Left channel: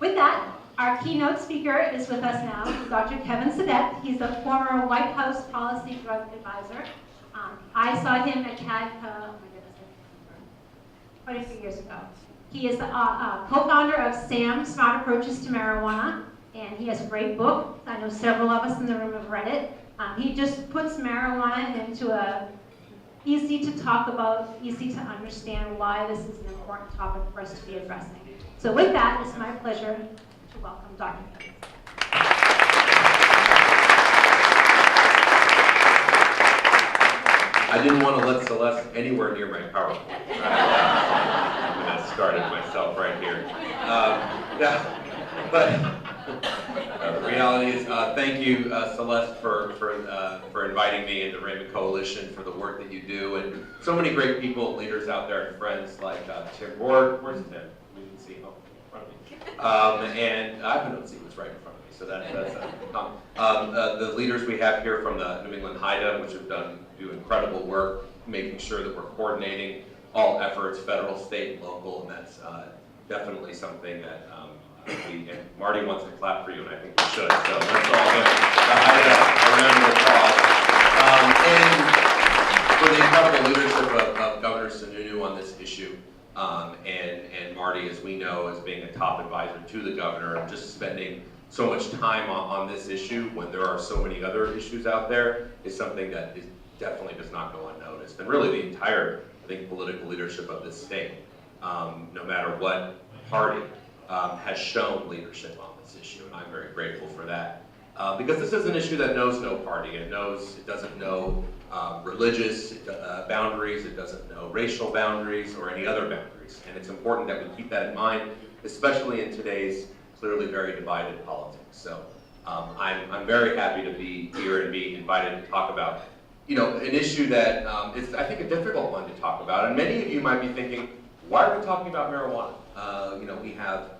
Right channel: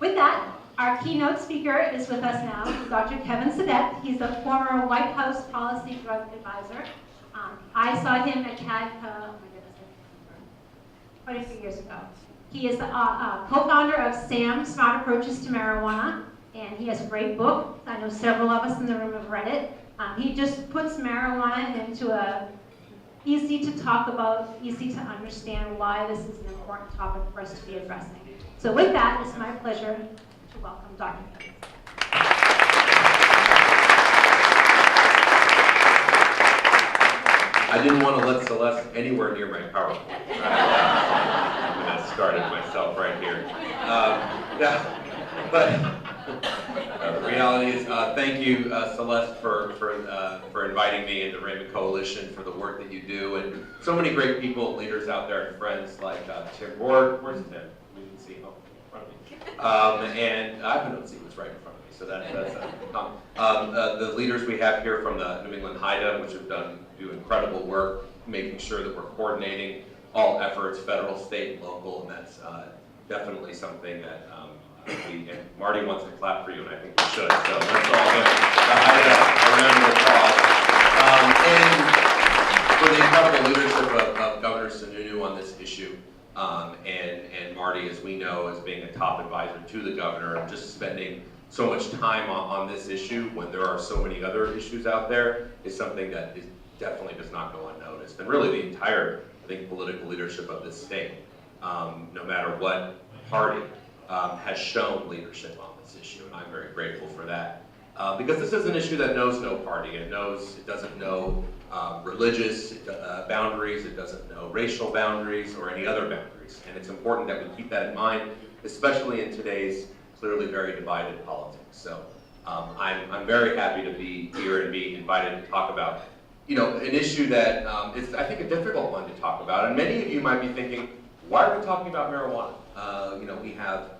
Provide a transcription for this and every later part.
With that, our keynote speaker is with us now, Dr. Kevin Sabet. He's a former White House policy drug advisor. I saw him at CADCA, oh my goodness, quite a few years ago. He is the co-founder of SAM, Smart Approaches to Marijuana, and he has a great book. I know several of us in the room have read it. He just puts marijuana into a easy to talk about, easy to understand why this is an important topic for us to be addressing. So with that, it's my pleasure to welcome Dr. Kevin. I didn't want to let Celeste anywhere near my PowerPoint. I'm going to start it myself right here. The reality is, thank you, Celeste, for inviting me, and the Raymond Coalition for the work that you do, and so many great people, leaders out there, and friends like Tim Ward. Where's Tim? We can see him in front of me. And I don't see what's right in front of me, so that's the leaders we have here from the New England HIDA, which have do incredible work, making sure that we're coordinating all efforts, federal, state, and local, and that's definitely something that and Marty wants to clap for you, and I think we should. So let's all give the HIDA a round of applause. And for the incredible leadership of Governor Sununu on this issue, and Marty, as we know, as being a top advisor to the governor, and just spending so much time on this issue when there are so many other issues out there, is something that definitely does not go unnoticed. And really the entire, I think, political leadership of this state, no matter what party, has shown leadership on this issue, and I'm very grateful for that. Because this is an issue that knows no party. It doesn't know religious boundaries, it doesn't know racial boundaries or any other boundaries. And it's important that we keep that in mind, especially in today's clearly very divided politics. So I'm very happy to be here and be invited to talk about an issue that is, I think, a difficult one to talk about. And many of you might be thinking, why are we talking about marijuana? We have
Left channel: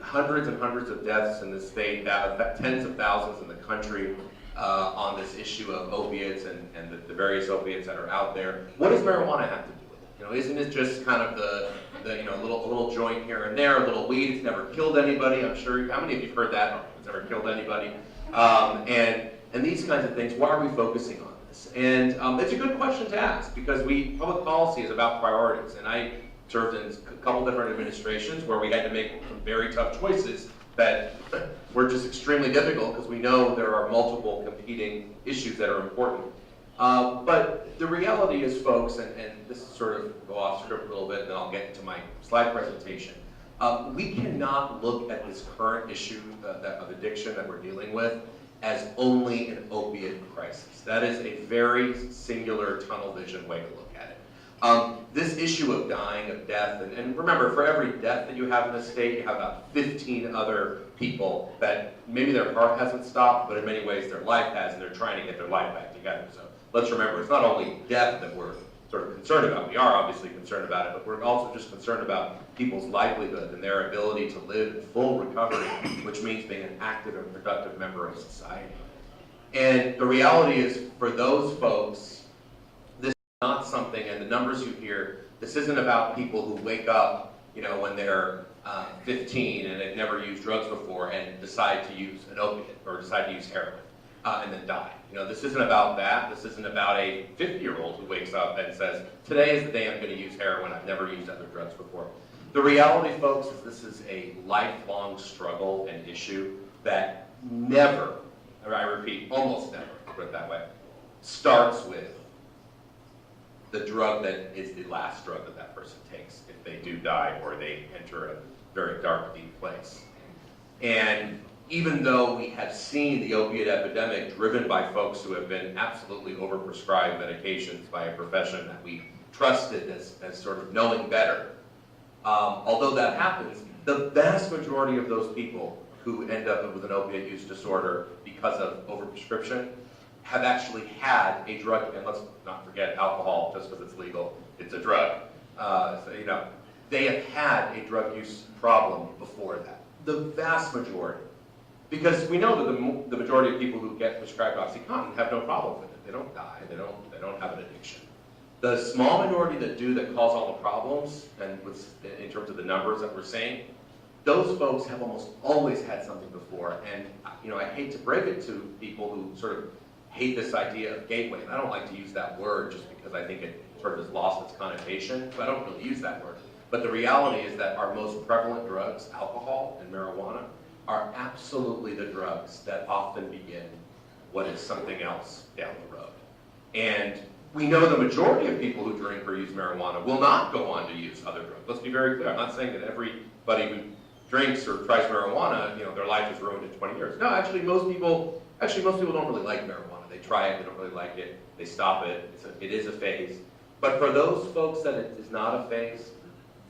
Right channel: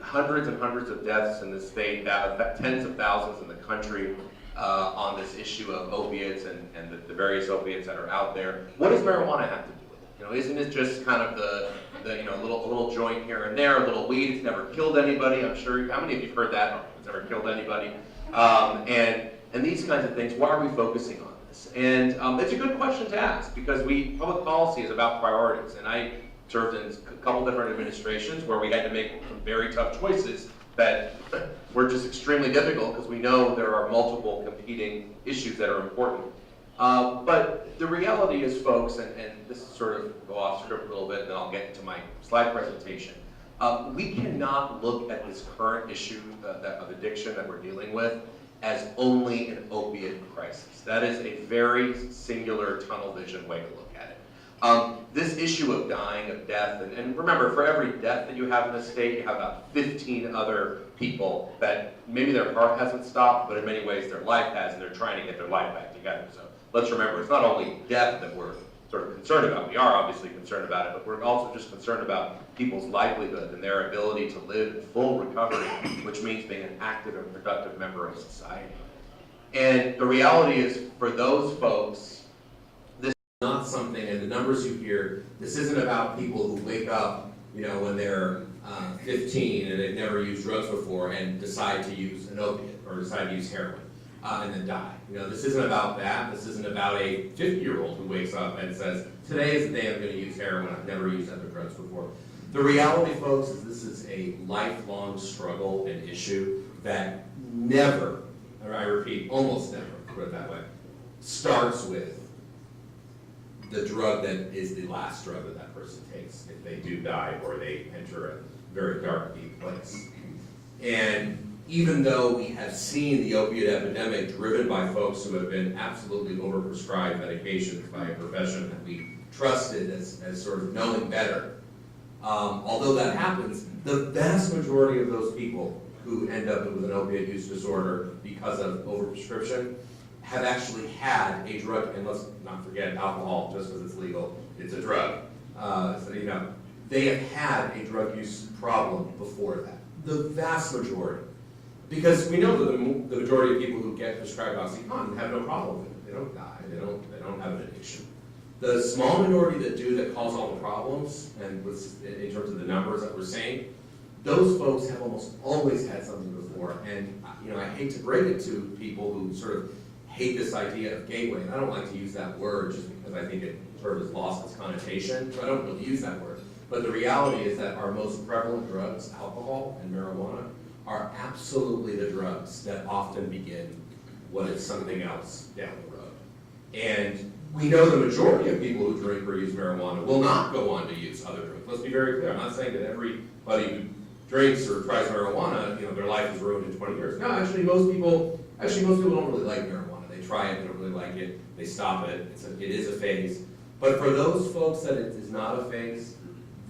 hundreds and hundreds of deaths in the state, tens of thousands in the country on this issue of opiates and the various opiates that are out there. What does marijuana have to do with it? Isn't it just kind of the little joint here and there, a little weed? It's never killed anybody. I'm sure. How many of you have heard that? It's never killed anybody. And these kinds of things. Why are we focusing on this? And it's a good question to ask, because public policy is about priorities, and I served in a couple different administrations where we had to make some very tough choices that were just extremely difficult, because we know there are multiple competing issues that are important. But the reality is, folks, and this is sort of go off script a little bit, and then I'll get into my slide presentation. We cannot look at this current issue of addiction that we're dealing with as only an opiate crisis. That is a very singular tunnel vision way to look at it. This issue of dying, of death, and remember, for every death that you have in the state, you have about 15 other people that maybe their heart hasn't stopped, but in many ways their life has, and they're trying to get their life back together. So let's remember, it's not only death that we're sort of concerned about. We are obviously concerned about it, but we're also just concerned about people's livelihood and their ability to live in full recovery, which means being an active and productive member of society. And the reality is, for those folks, this is not something, and the numbers you hear, this isn't about people who wake up, when they're 15 and they've never used drugs before and decide to use an opiate or decide to use heroin and then die. This isn't about that. This isn't about a 50-year-old who wakes up and says, today is the day I'm going to use heroin. I've never used other drugs before. The reality, folks, is this is a lifelong struggle and issue that never, I repeat, almost never, put it that way, starts with the drug that is the last drug that that person takes if they do die or they enter a very dark, deep place. And even though we have seen the opiate epidemic driven by folks who have been absolutely overprescribed medications by a profession that we trusted as sort of knowing better, although that happens, the vast majority of those people who end up with an opiate use disorder because of overprescription have actually had a drug, and let's not forget alcohol, just because it's legal, it's a drug. They have had a drug use problem before that. The vast majority. Because we know that the majority of people who get prescribed OxyContin have no problem with it. They don't die, they don't have an addiction. The small minority that do, that cause all the problems, and in terms of the numbers that we're seeing, those folks have almost always had something before. And I hate to break it to people who sort of hate this idea of gateway. And I don't like to use that word just because I think it sort of has lost its connotation. So I don't really use that word. But the reality is that our most prevalent drugs, alcohol and marijuana, are absolutely the drugs that often begin what is something else down the road. And we know the majority of people who drink or use marijuana will not go on to use other drugs. Let's be very clear. I'm not saying that everybody who drinks or tries marijuana, their life is ruined in 20 years. No, actually most people don't really like marijuana. They try it, they don't really like it, they stop it. It is a phase. But for those folks that it is not a phase,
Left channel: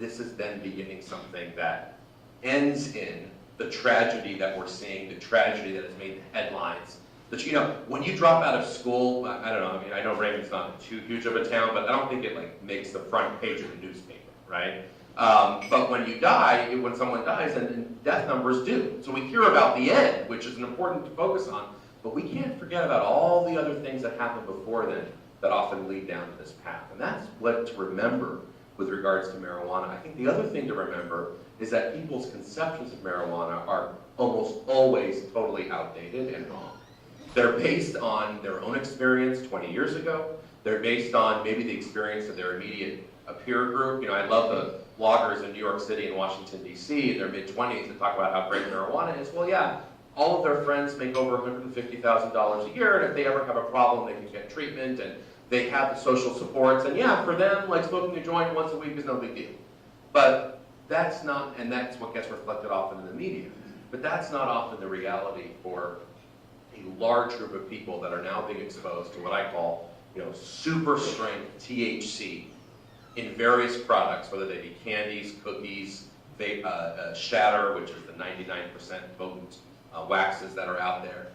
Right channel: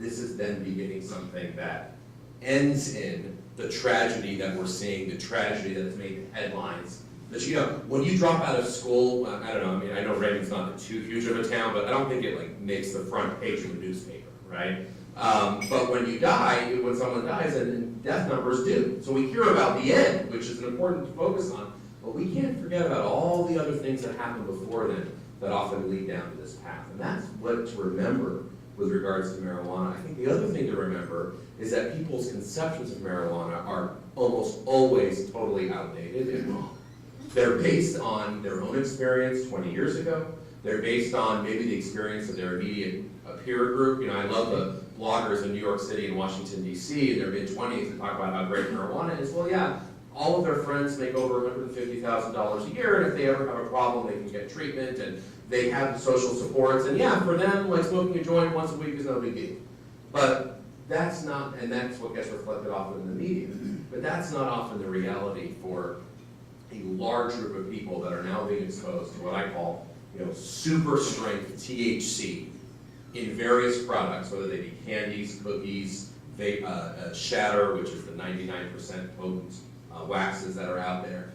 this is then beginning something that ends in the tragedy that we're seeing, the tragedy that has made the headlines. That, when you drop out of school, I don't know, I know Raymond's not too huge of a town, but I don't think it makes the front page of the newspaper, right? But when you die, when someone dies, and death numbers do. So we hear about the end, which is important to focus on, but we can't forget about all the other things that happened before then that often lead down to this path. And that's what to remember with regards to marijuana. I think the other thing to remember is that people's conceptions of marijuana are almost always totally outdated and wrong. They're based on their own experience 20 years ago. They're based on maybe the experience of their immediate peer group. I love the bloggers in New York City and Washington, D.C. in their mid-20s that talk about how great marijuana is. Well, yeah, all of their friends make over $150,000 a year, and if they ever have a problem, they can get treatment, and they have the social supports. And yeah, for them, smoking a joint once a week is no big deal. But that's not, and that's what gets reflected often in the media. But that's not often the reality for a large group of people that are now being exposed to what I call, super strength THC in various products, whether they be candies, cookies, shatter, which is the 99% potent waxes that are out there.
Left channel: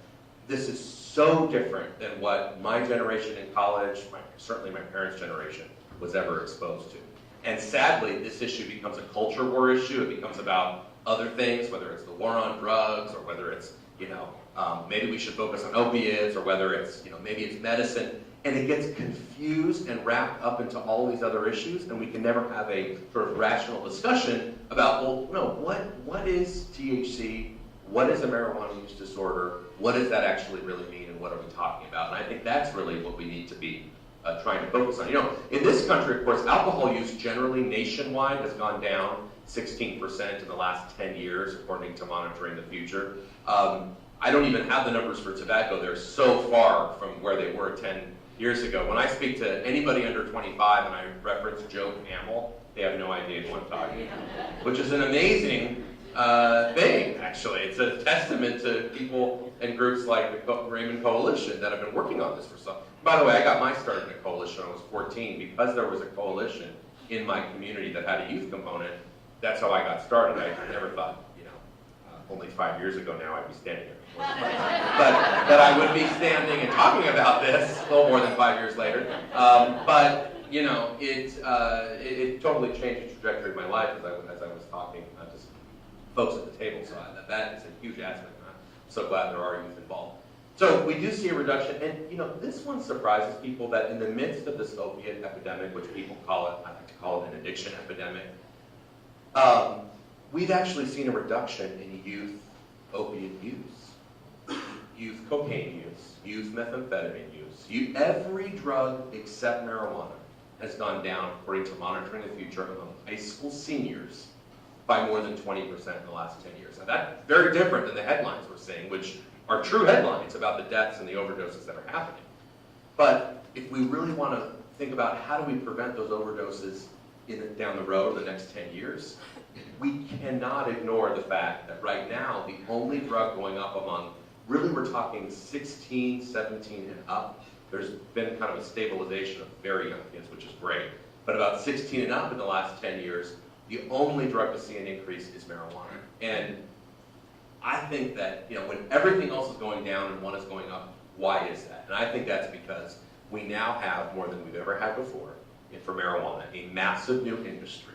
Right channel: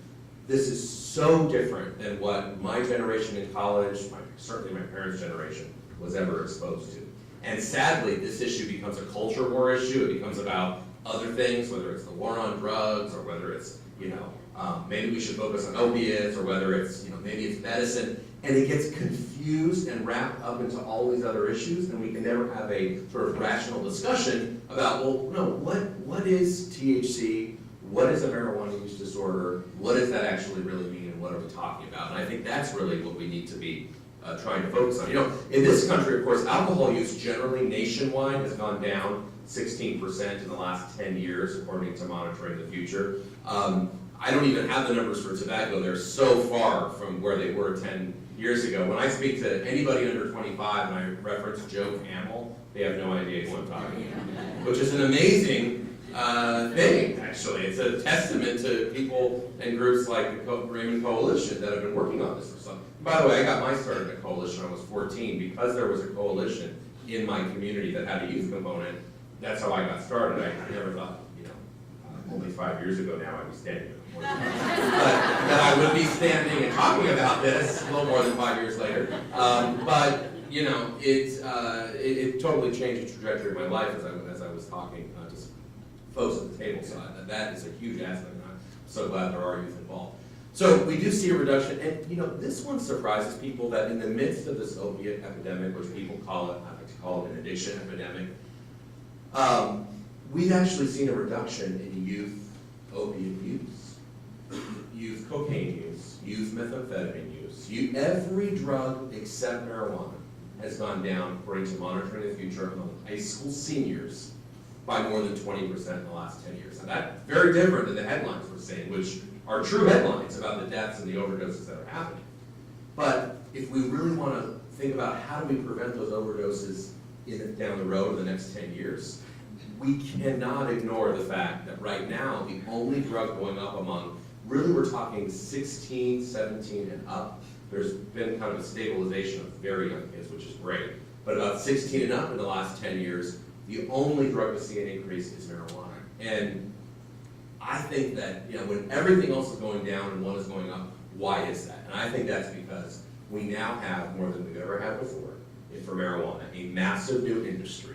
This is so different than what my generation in college, certainly my parents' generation, was ever exposed to. And sadly, this issue becomes a culture war issue. It becomes about other things, whether it's the war on drugs, or whether it's, maybe we should focus on opiates, or whether it's, maybe it's medicine. And it gets confused and wrapped up into all these other issues, and we can never have a sort of rational discussion about, well, no, what is THC? What is a marijuana use disorder? What does that actually really mean, and what are we talking about? And I think that's really what we need to be trying to focus on. In this country, of course, alcohol use generally nationwide has gone down 16% in the last 10 years, according to Monitoring the Future. I don't even have the numbers for tobacco. They're so far from where they were 10 years ago. When I speak to anybody under 25 and I reference Joe Camel, they have no idea who I'm talking about, which is an amazing thing, actually. It's a testament to people and groups like the Raymond Coalition that have been working on this for some. By the way, I got my start in a coalition when I was 14 because there was a coalition in my community that had a youth component. That's how I got started. I never thought, only 5 years ago now I'd be standing here. But that I would be standing and talking about this a little more than 5 years later. But it totally changed the trajectory of my life as I was talking to folks at the table. So that is a huge aspect. I'm so glad there are youth involved. So we do see a reduction, and this one surprises people that in the midst of this opiate epidemic, which people call it, I like to call it an addiction epidemic, we've actually seen a reduction in youth opiate use, youth cocaine use, youth methamphetamine use. Every drug except marijuana has gone down, according to Monitoring the Future, among high school seniors by more than 20% in the last 10 years. And that's very different than the headlines we're seeing, which are true headlines about the deaths and the overdoses that are happening. But if we really want to think about how do we prevent those overdoses down the road in the next 10 years, we cannot ignore the fact that right now, the only drug going up among, really we're talking 16, 17 and up. There's been kind of a stabilization of very young kids, which is great. But about 16 and up in the last 10 years, the only drug to see an increase is marijuana. And I think that, when everything else is going down and one is going up, why is that? And I think that's because we now have, more than we've ever had before, for marijuana, a massive new industry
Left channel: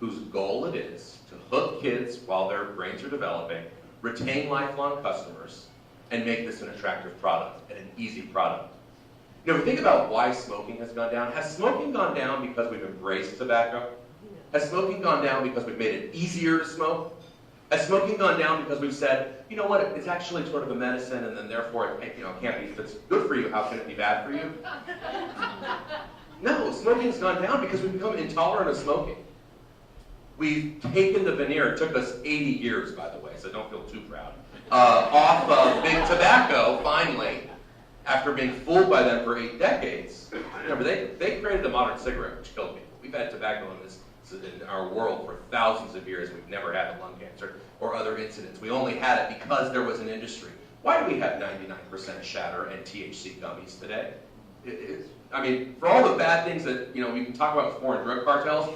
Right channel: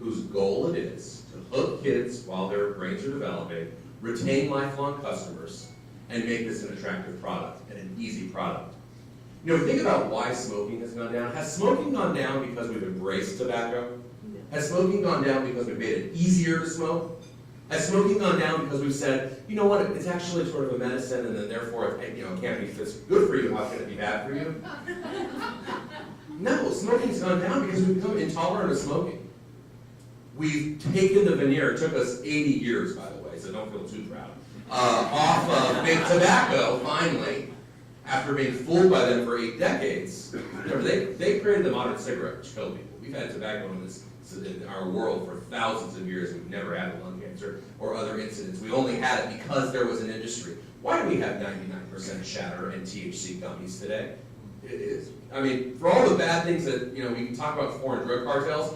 whose goal it is to hook kids while their brains are developing, retain lifelong customers, and make this an attractive product and an easy product. You know, think about why smoking has gone down. Has smoking gone down because we've embraced tobacco? Has smoking gone down because we've made it easier to smoke? Has smoking gone down because we've said, you know what, it's actually sort of a medicine, and then therefore, it can't be, if it's good for you, how can it be bad for you? No, smoking's gone down because we've become intolerant of smoking. We've taken the veneer, it took us 80 years, by the way, so don't feel too proud, off of big tobacco, finally, after being fooled by them for 8 decades. Remember, they created the modern cigarette, which killed people. We've had tobacco in our world for thousands of years. We've never had lung cancer or other incidents. We only had it because there was an industry. Why do we have 99% shatter and THC gummies today? I mean, for all the bad things that, we can talk about foreign drug cartels,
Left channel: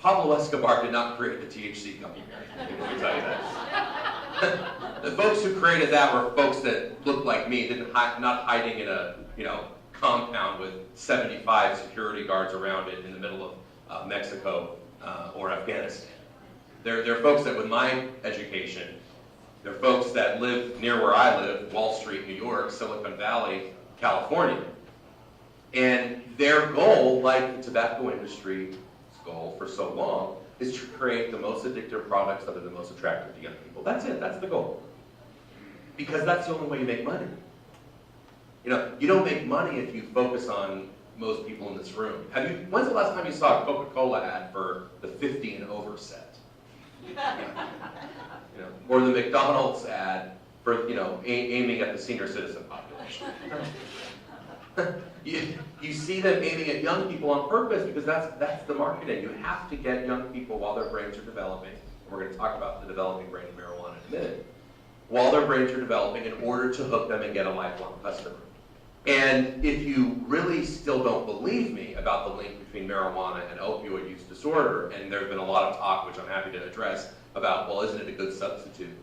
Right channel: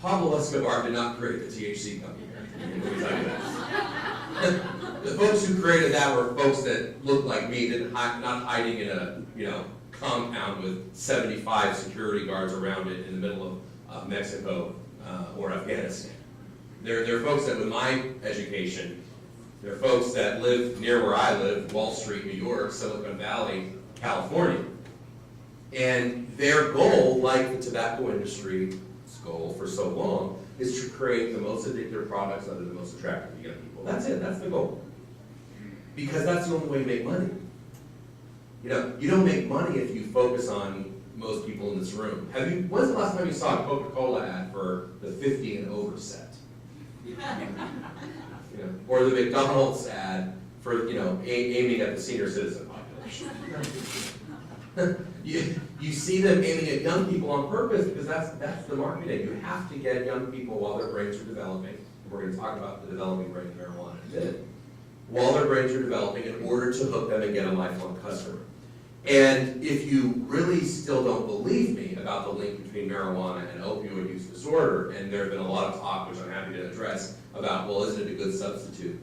Pablo Escobar did not create the THC gummy. Let me tell you that. The folks who created that were folks that looked like me, not hiding in a compound with 75 security guards around it in the middle of Mexico or Afghanistan. They're folks that, with my education, they're folks that live near where I live, Wall Street, New York, Silicon Valley, California. And their goal, like the tobacco industry's goal for so long, is to create the most addictive products that are the most attractive to young people. That's it, that's the goal. Because that's the only way you make money. You don't make money if you focus on most people in this room. When's the last time you saw a Coca-Cola ad for the 50 and over set? Or the McDonald's ad for, aiming at the senior citizen population. You see them aiming at young people on purpose because that's the marketing. You have to get young people while their brains are developing. And we're going to talk about the developing brain of marijuana in a minute. While their brains are developing in order to hook them and get a lifelong customer. And if you really still don't believe me about the link between marijuana and opioid use disorder, and there's been a lot of talk, which I'm happy to address, about, well, isn't it a good substitute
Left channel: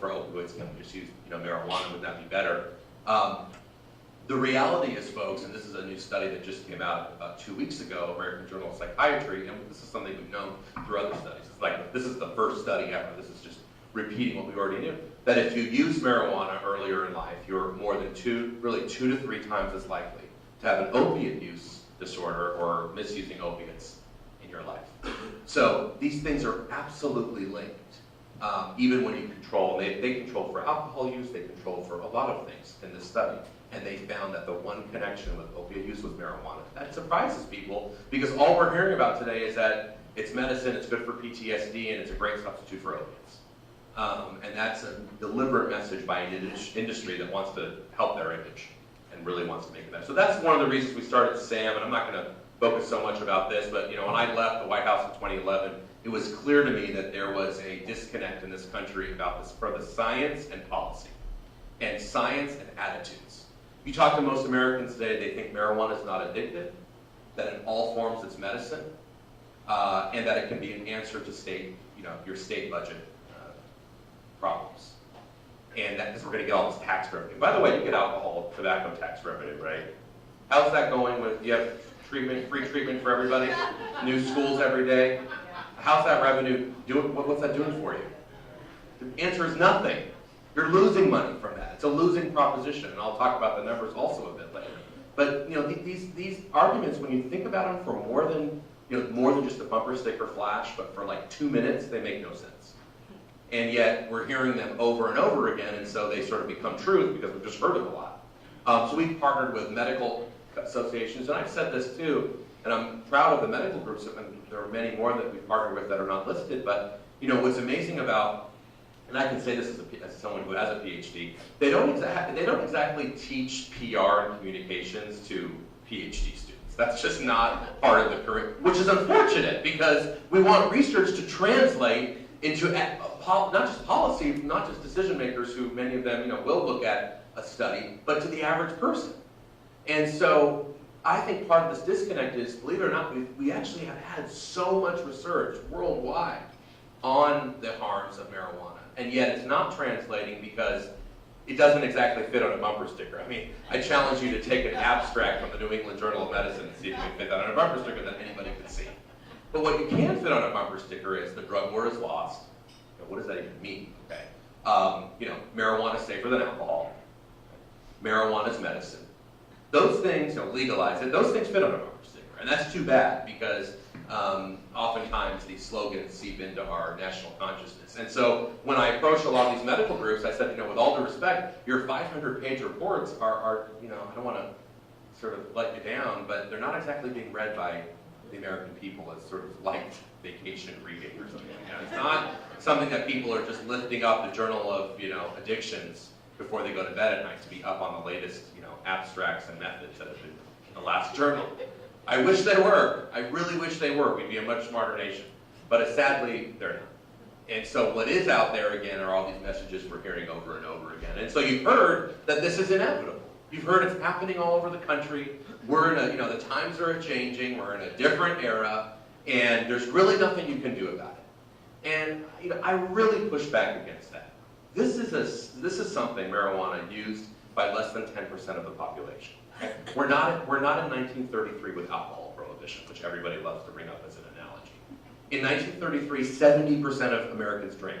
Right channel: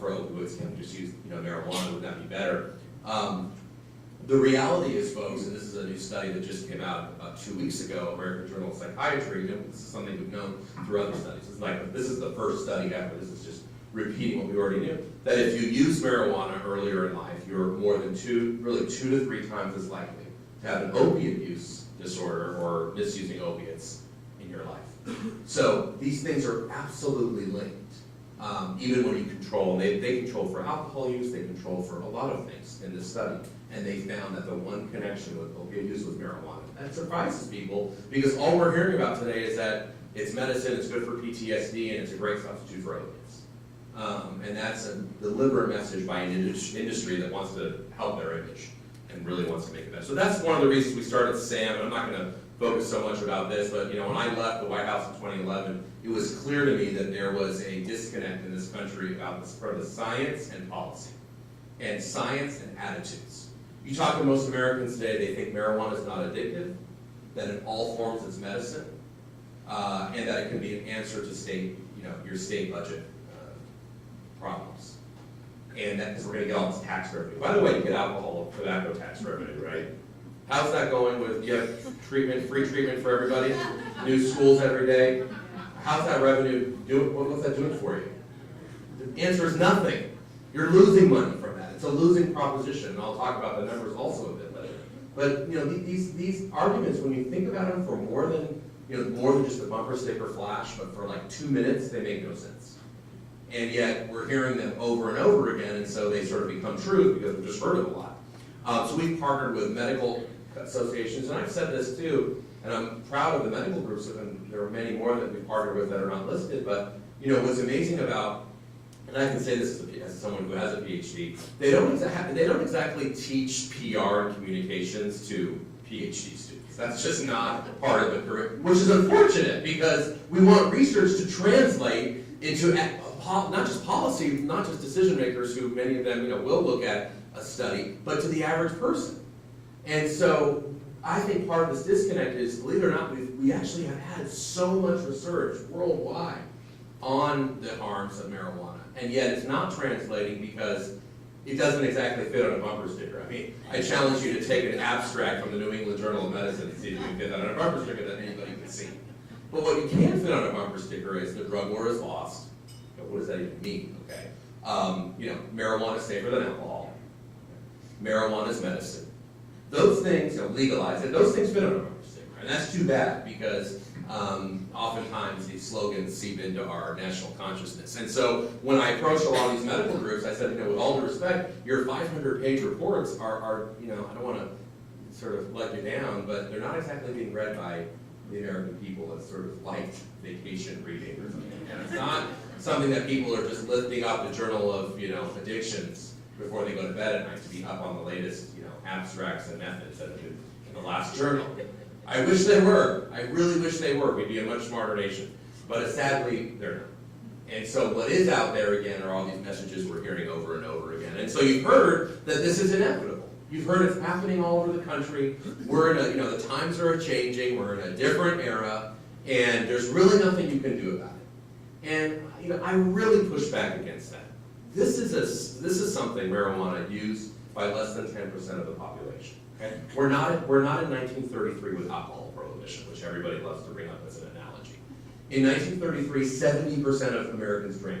for opioids? Can we just use marijuana? Would that be better? The reality is, folks, and this is a new study that just came out about 2 weeks ago, American Journal of Psychiatry, and this is something we've known through other studies. This is the first study ever. This is just repeating what we already knew. That if you use marijuana earlier in life, you're more than 2 to 3 times as likely to have an opiate use disorder or misusing opiates in your life. So these things are absolutely linked, even when you control. And they control for alcohol use, they control for a lot of things in this study. And they found that the one connection with opiate use was marijuana. That surprises people because all we're hearing about today is that it's medicine, it's good for PTSD, and it's a great substitute for opiates. And that's a deliberate message by an industry that wants to help their image and really wants to make it better. So that's one of the reasons we started SAM, and I'm not going to focus so much about this, but when I left the White House in 2011, it was clear to me that there was a disconnect in this country about this for the science and policy, and science and attitudes. You talk to most Americans today, they think marijuana is not addictive, that in all forms it's medicine, and that it can be an answer to your state budget problems. And that because we're going to get all this tax revenue. By the way, you get alcohol, tobacco tax revenue, right? How's that going with, you have free treatment for everybody? New schools every day? How's that revenue doing? What's that doing for you? The answer is nothing. You're losing money from that. It's a losing proposition, and I'll talk about the numbers also a bit later. But these arguments, when you think about them for more than just a bumper sticker flash, but for like 2 minutes, they make no sense. And yet we're hearing them over and over again, and so they sort of become truth because we've just heard it a lot. So we've partnered with medical associations, and I've said this too, and I'm proud of the medical groups, and there are many more that we've partnered with that are not listed, but what's amazing about, and I can say this as someone who has a PhD, they don't exactly teach PR and communications to PhD students. That's just not part of the curriculum, which is unfortunate because we want research to translate into not just policy, not just decision makers who many of them will look at a study, but to the average person. And so I think part of this disconnect is, believe it or not, we actually have had so much research worldwide on the harms of marijuana, and yet it's not translating because it doesn't exactly fit on a bumper sticker. I mean, I challenge you to take an abstract from the New England Journal of Medicine and see if you can fit that on a bumper sticker that anybody can see. But what you can fit on a bumper sticker is the drug war is lost. What does that even mean? Okay, marijuana is safer than alcohol. Marijuana is medicine. Those things, legalize it, those things fit on a bumper sticker. And that's too bad because oftentimes these slogans seep into our national consciousness. And so when I approached a lot of these medical groups, I said, with all due respect, your 500-page reports are, I don't want to sort of let you down, but they're not exactly being read by the American people as sort of light vacation reading or something. It's not something that people are just lifting up the journal of, addictions before they go to bed at night to be up on the latest, abstracts and methods that have been in the last journal. I wish they were. I really wish they were. We'd be a much smarter nation. But sadly, they're not. And so what is out there, again, are all these messages we're hearing over and over again. And so you've heard that this is inevitable. You've heard it's happening all over the country. We're in the times are changing. We're in a different era. And there's really nothing you can do about it. And, I really push back against that. This is something marijuana used by less than 10% of the population. Okay? We're not in 1933 with alcohol prohibition, which everybody loves to bring up as an analogy. In 1933, 70% of Americans drank.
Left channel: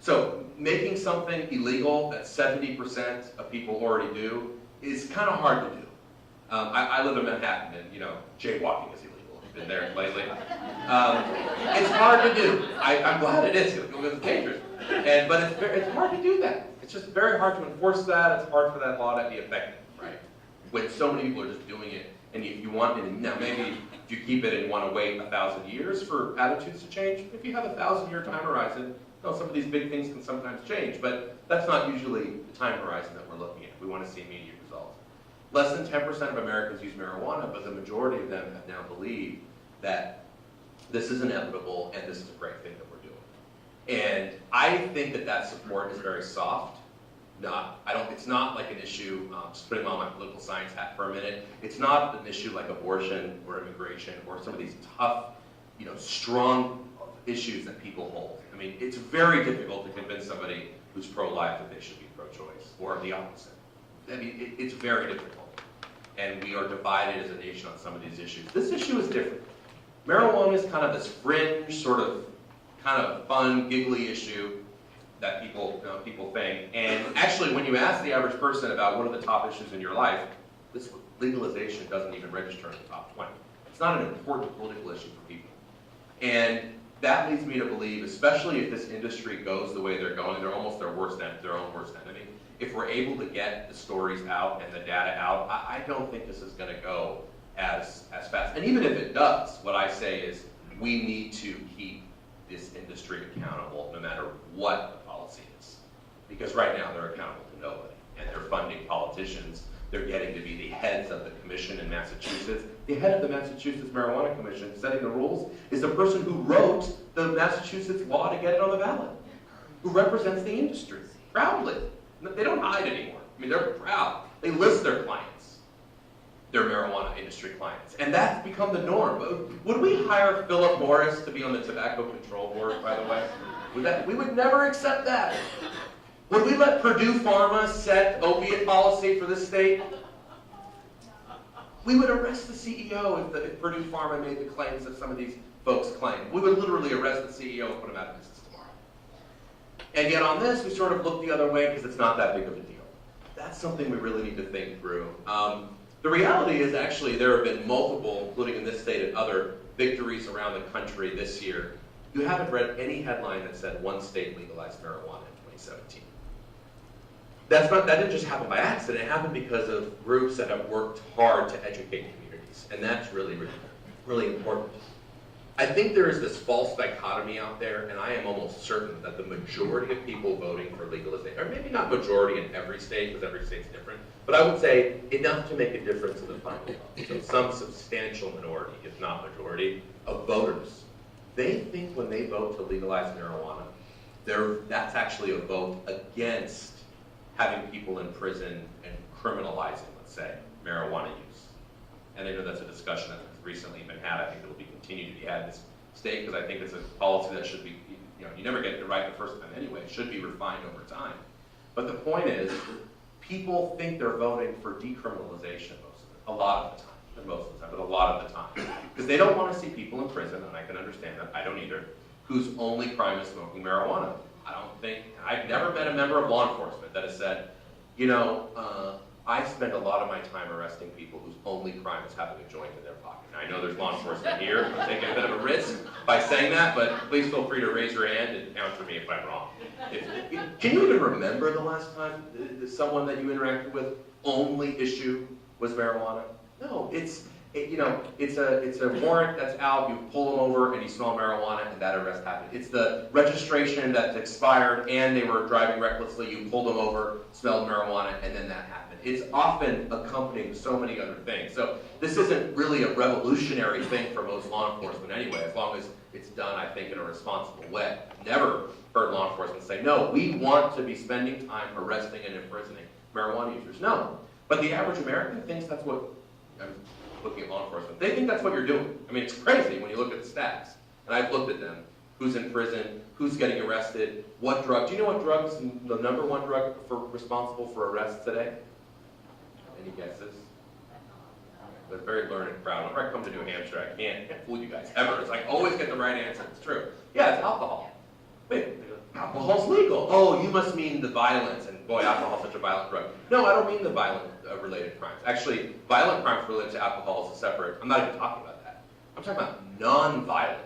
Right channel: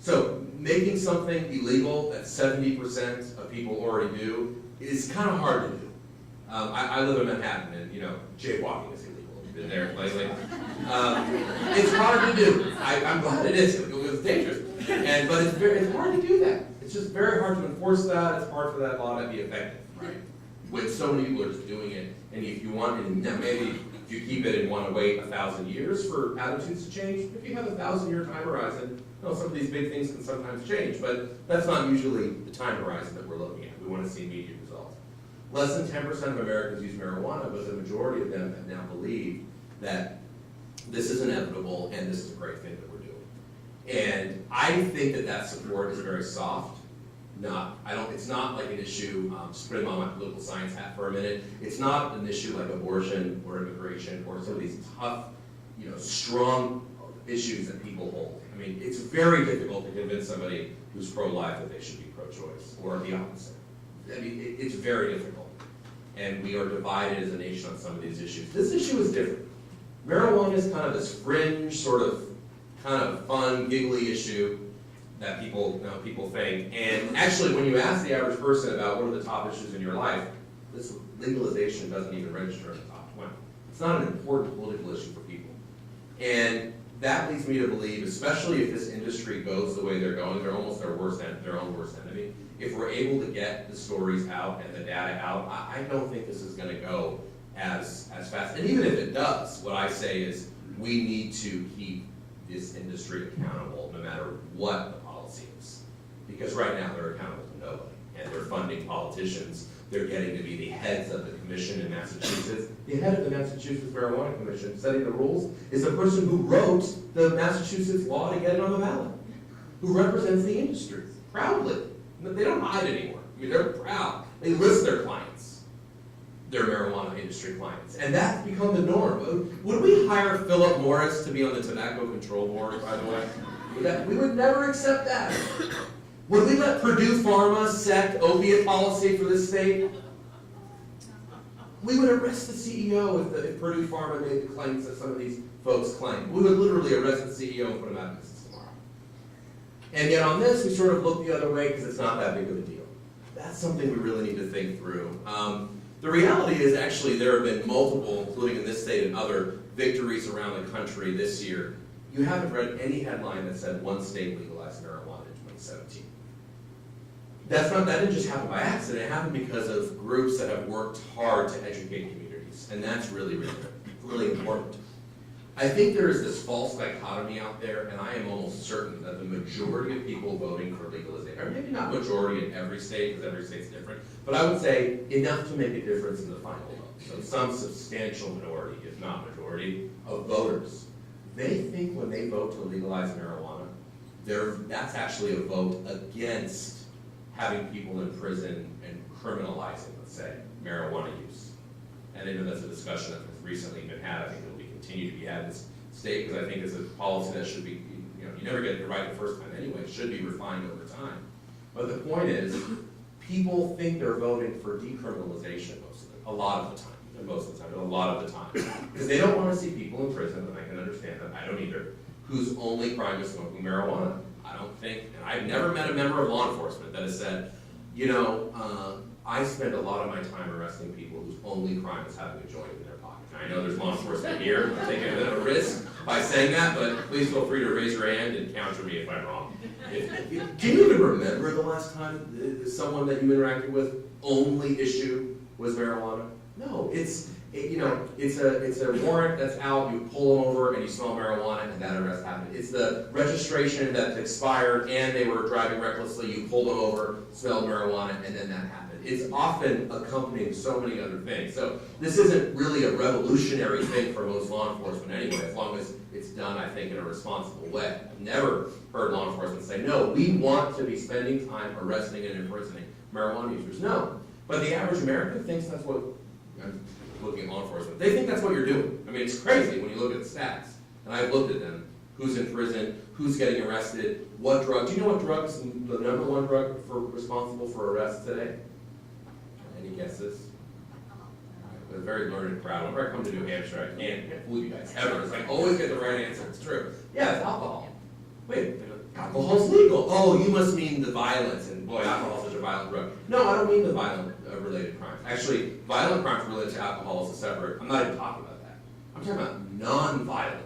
So making something illegal that 70% of people already do is kind of hard to do. I live in Manhattan, and jaywalking is illegal. You've been there lately. It's hard to do. I'm glad it is because it's dangerous. But it's hard to do that. It's just very hard to enforce that. It's hard for that law to be effective, right? When so many people are just doing it, and if you want, maybe if you keep it and want to wait 1,000 years for attitudes to change, if you have a 1,000-year time horizon, some of these big things can sometimes change, but that's not usually the time horizon that we're looking at. We want to see immediate results. Less than 10% of Americans use marijuana, but the majority of them have now believed that this is inevitable and this is a great thing that we're doing. And I think that support is very soft. It's not like an issue, just putting on my political science hat for a minute, it's not an issue like abortion or immigration or some of these tough, strong issues that people hold. It's very difficult to convince somebody who's pro-life that they should be pro-choice, or the opposite. It's very difficult. And we are divided as a nation on some of these issues. This issue is different. Marijuana is kind of this fringe, kind of fun, giggly issue that people think. And actually, when you ask the average person about what are the top issues in your life, this legalization doesn't even register in the top 20. It's not an important political issue for people. And that leads me to believe, especially if this industry goes the way they're going, they're almost their own worst enemy. If we're able to get the stories out and the data out, I don't think this is going to go as fast. And even if it does, what I say is we need to keep this industry accountable no matter what the policy is. Because right now they're accountable to nobody. And they're funding politicians. They're getting to be the heads of the commission in Massachusetts. The head of the Massachusetts Marijuana Commission setting the rules is the person who wrote the Massachusetts law to get it on the ballot, who represents the industry proudly. They don't hide anymore. They're proud. They list their clients, their marijuana industry clients. And that's become the norm. Would we hire Philip Morris to be on the Tobacco Control Board, by the way? We would never accept that. Would we let Purdue Pharma set opiate policy for this state? We would arrest the CEO if Purdue Pharma made the claims that some of these folks claim. We would literally arrest the CEO and put him out of business tomorrow. And yet on this, we sort of look the other way because it's not that big of a deal. That's something we really need to think through. The reality is actually there have been multiple, including in this state and other, victories around the country this year. You haven't read any headline that said one state legalized marijuana in 2017. That didn't just happen by accident. It happened because of groups that have worked hard to educate communities. And that's really, really, really important. I think there is this false dichotomy out there, and I am almost certain that the majority of people voting for legalization, or maybe not majority in every state, because every state's different, but I would say enough to make a difference in the final vote. So some substantial minority, if not majority, of voters, they think when they vote to legalize marijuana, that's actually a vote against having people in prison and criminalizing, let's say, marijuana use. And I know that's a discussion that has recently been had. I think it will continue to be had in this state because I think it's a policy that should be, you never get it right the first time anyway. It should be refined over time. But the point is, people think they're voting for decriminalization a lot of the time. And most of the time, but a lot of the time. Because they don't want to see people in prison, and I can understand that, I don't either, whose only crime is smoking marijuana. I don't think, and I've never met a member of law enforcement that has said, I spend a lot of my time arresting people whose only crime is having a joint in their pocket. Now, I know there's law enforcement here. I'm taking a bit of a risk by saying that, but please feel free to raise your hand and counter me if I'm wrong. Can you even remember the last time someone that you interacted with only issue was marijuana? No, it's a warrant that's out, you pull them over and you smell marijuana and that arrest happened. It's the registration that's expired and they were driving recklessly, you pulled them over, smelled marijuana, and then that happened. It's often accompanied with so many other things. So this isn't really a revolutionary thing for most law enforcement anyway, as long as it's done, I think, in a responsible way. Never heard law enforcement say, no, we want to be spending time arresting and imprisoning marijuana users. No. But the average American thinks that's what, I'm looking at law enforcement, they think that's what you're doing. I mean, it's crazy when you look at the stats. And I've looked at them. Who's in prison, who's getting arrested, what drug. Do you know what drugs, the number one drug responsible for arrests today? Any guesses? They're a very learned crowd. Whenever I come to New Hampshire, I can't fool you guys ever. It's like, always get the right answer. It's true. Yeah, it's alcohol. Wait, alcohol's legal. Oh, you must mean the violence. And boy, alcohol's such a violent drug. No, I don't mean the violent related crimes. Actually, violent crimes related to alcohol is a separate, I'm not even talking about that. I'm talking about non-violent,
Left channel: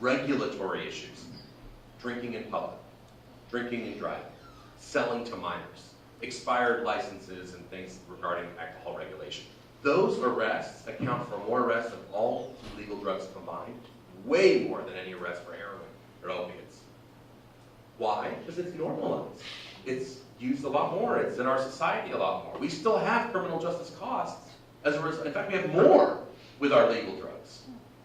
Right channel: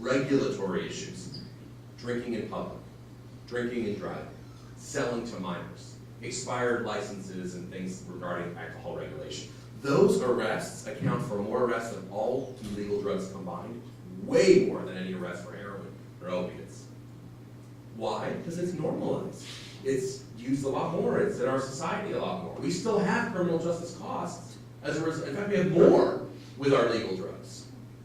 regulatory issues. Drinking in public, drinking and driving, selling to minors, expired licenses and things regarding alcohol regulation. Those arrests account for more arrests than all illegal drugs combined, way more than any arrest for heroin or opiates. Why? Because it's normalized. It's used a lot more. It's in our society a lot more. We still have criminal justice costs as a result. In fact, we have more with our legal drugs,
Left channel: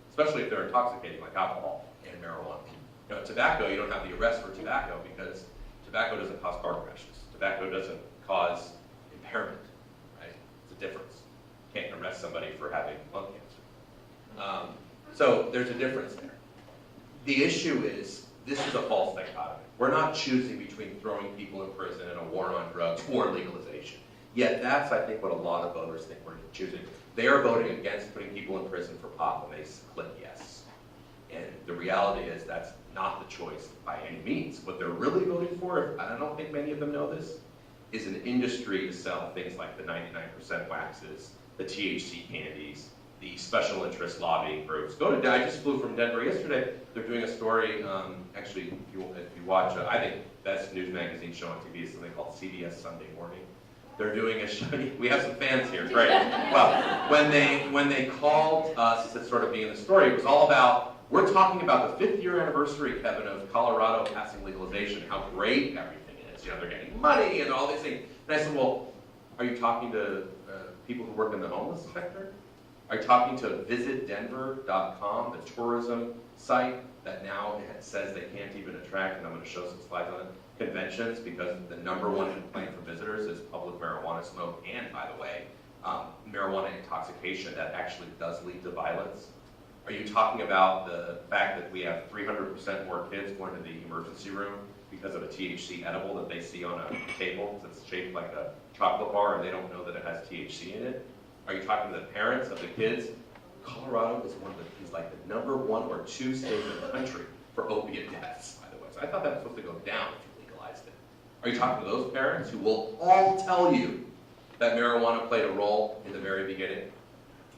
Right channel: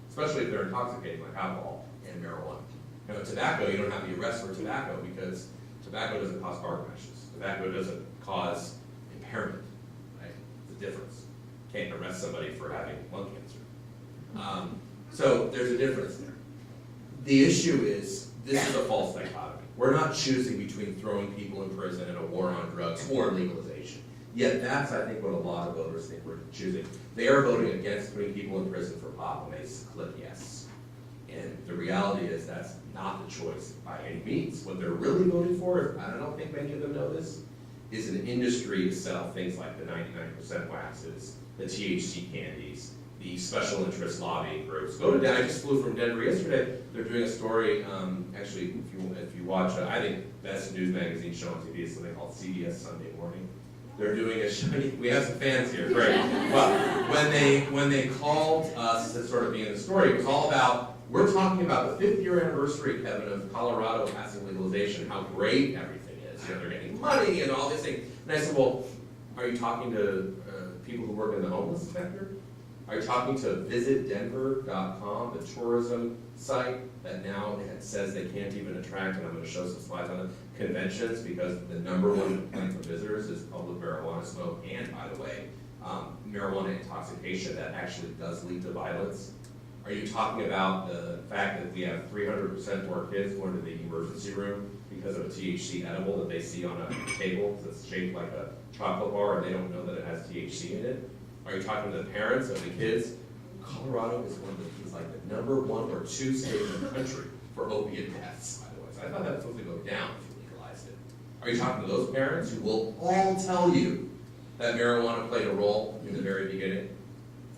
especially if they're intoxicating like alcohol and marijuana. You know, tobacco, you don't have the arrest for tobacco because tobacco doesn't cause car crashes. Tobacco doesn't cause impairment, right? It's a difference. You can't arrest somebody for having lung cancer. So there's a difference there. The issue is, this is a false dichotomy. We're not choosing between throwing people in prison and a war on drugs or legalization. Yet that's, I think, what a lot of voters think we're choosing. They are voting against putting people in prison for pot when they click yes. And the reality is that's not the choice by any means. What they're really voting for, and I don't think many of them know this, is an industry to sell things like the 99% waxes, the THC candies, the special interest lobbying groups. I just flew from Denver yesterday. They're doing a story, actually, if you watch, I think best news magazine show on TV is something called CBS Sunday Morning. They're doing a show, we have some fans here, great. Well, when they called us to sort of be in the story, it was all about, we're talking about the 5th year anniversary, Kevin, of Colorado passing legalization, how great everything is. You know, they're getting money and all these things. And I said, well, are you talking to people who work in the homeless sector? Are you talking to visitdenver.com, the tourism site that now says they can't even attract, and I'm going to show some slides on it, conventions, because the number one complaint from visitors is public marijuana smoke, and by the way, marijuana intoxication that actually does lead to violence. Are you talking about the fact that we have 300% more kids going to the emergency room because of a THC edible that they see on a table that's shaped like a chocolate bar and they don't know that it has THC in it? Are you talking to the parents of the kids? Colorado is like the number 1 or 2 state in the country for opiate deaths, by the way. So I thought that was supposed to go down if you legalized it. Are you talking to those parents who will all tell you that marijuana played a role in the very beginning?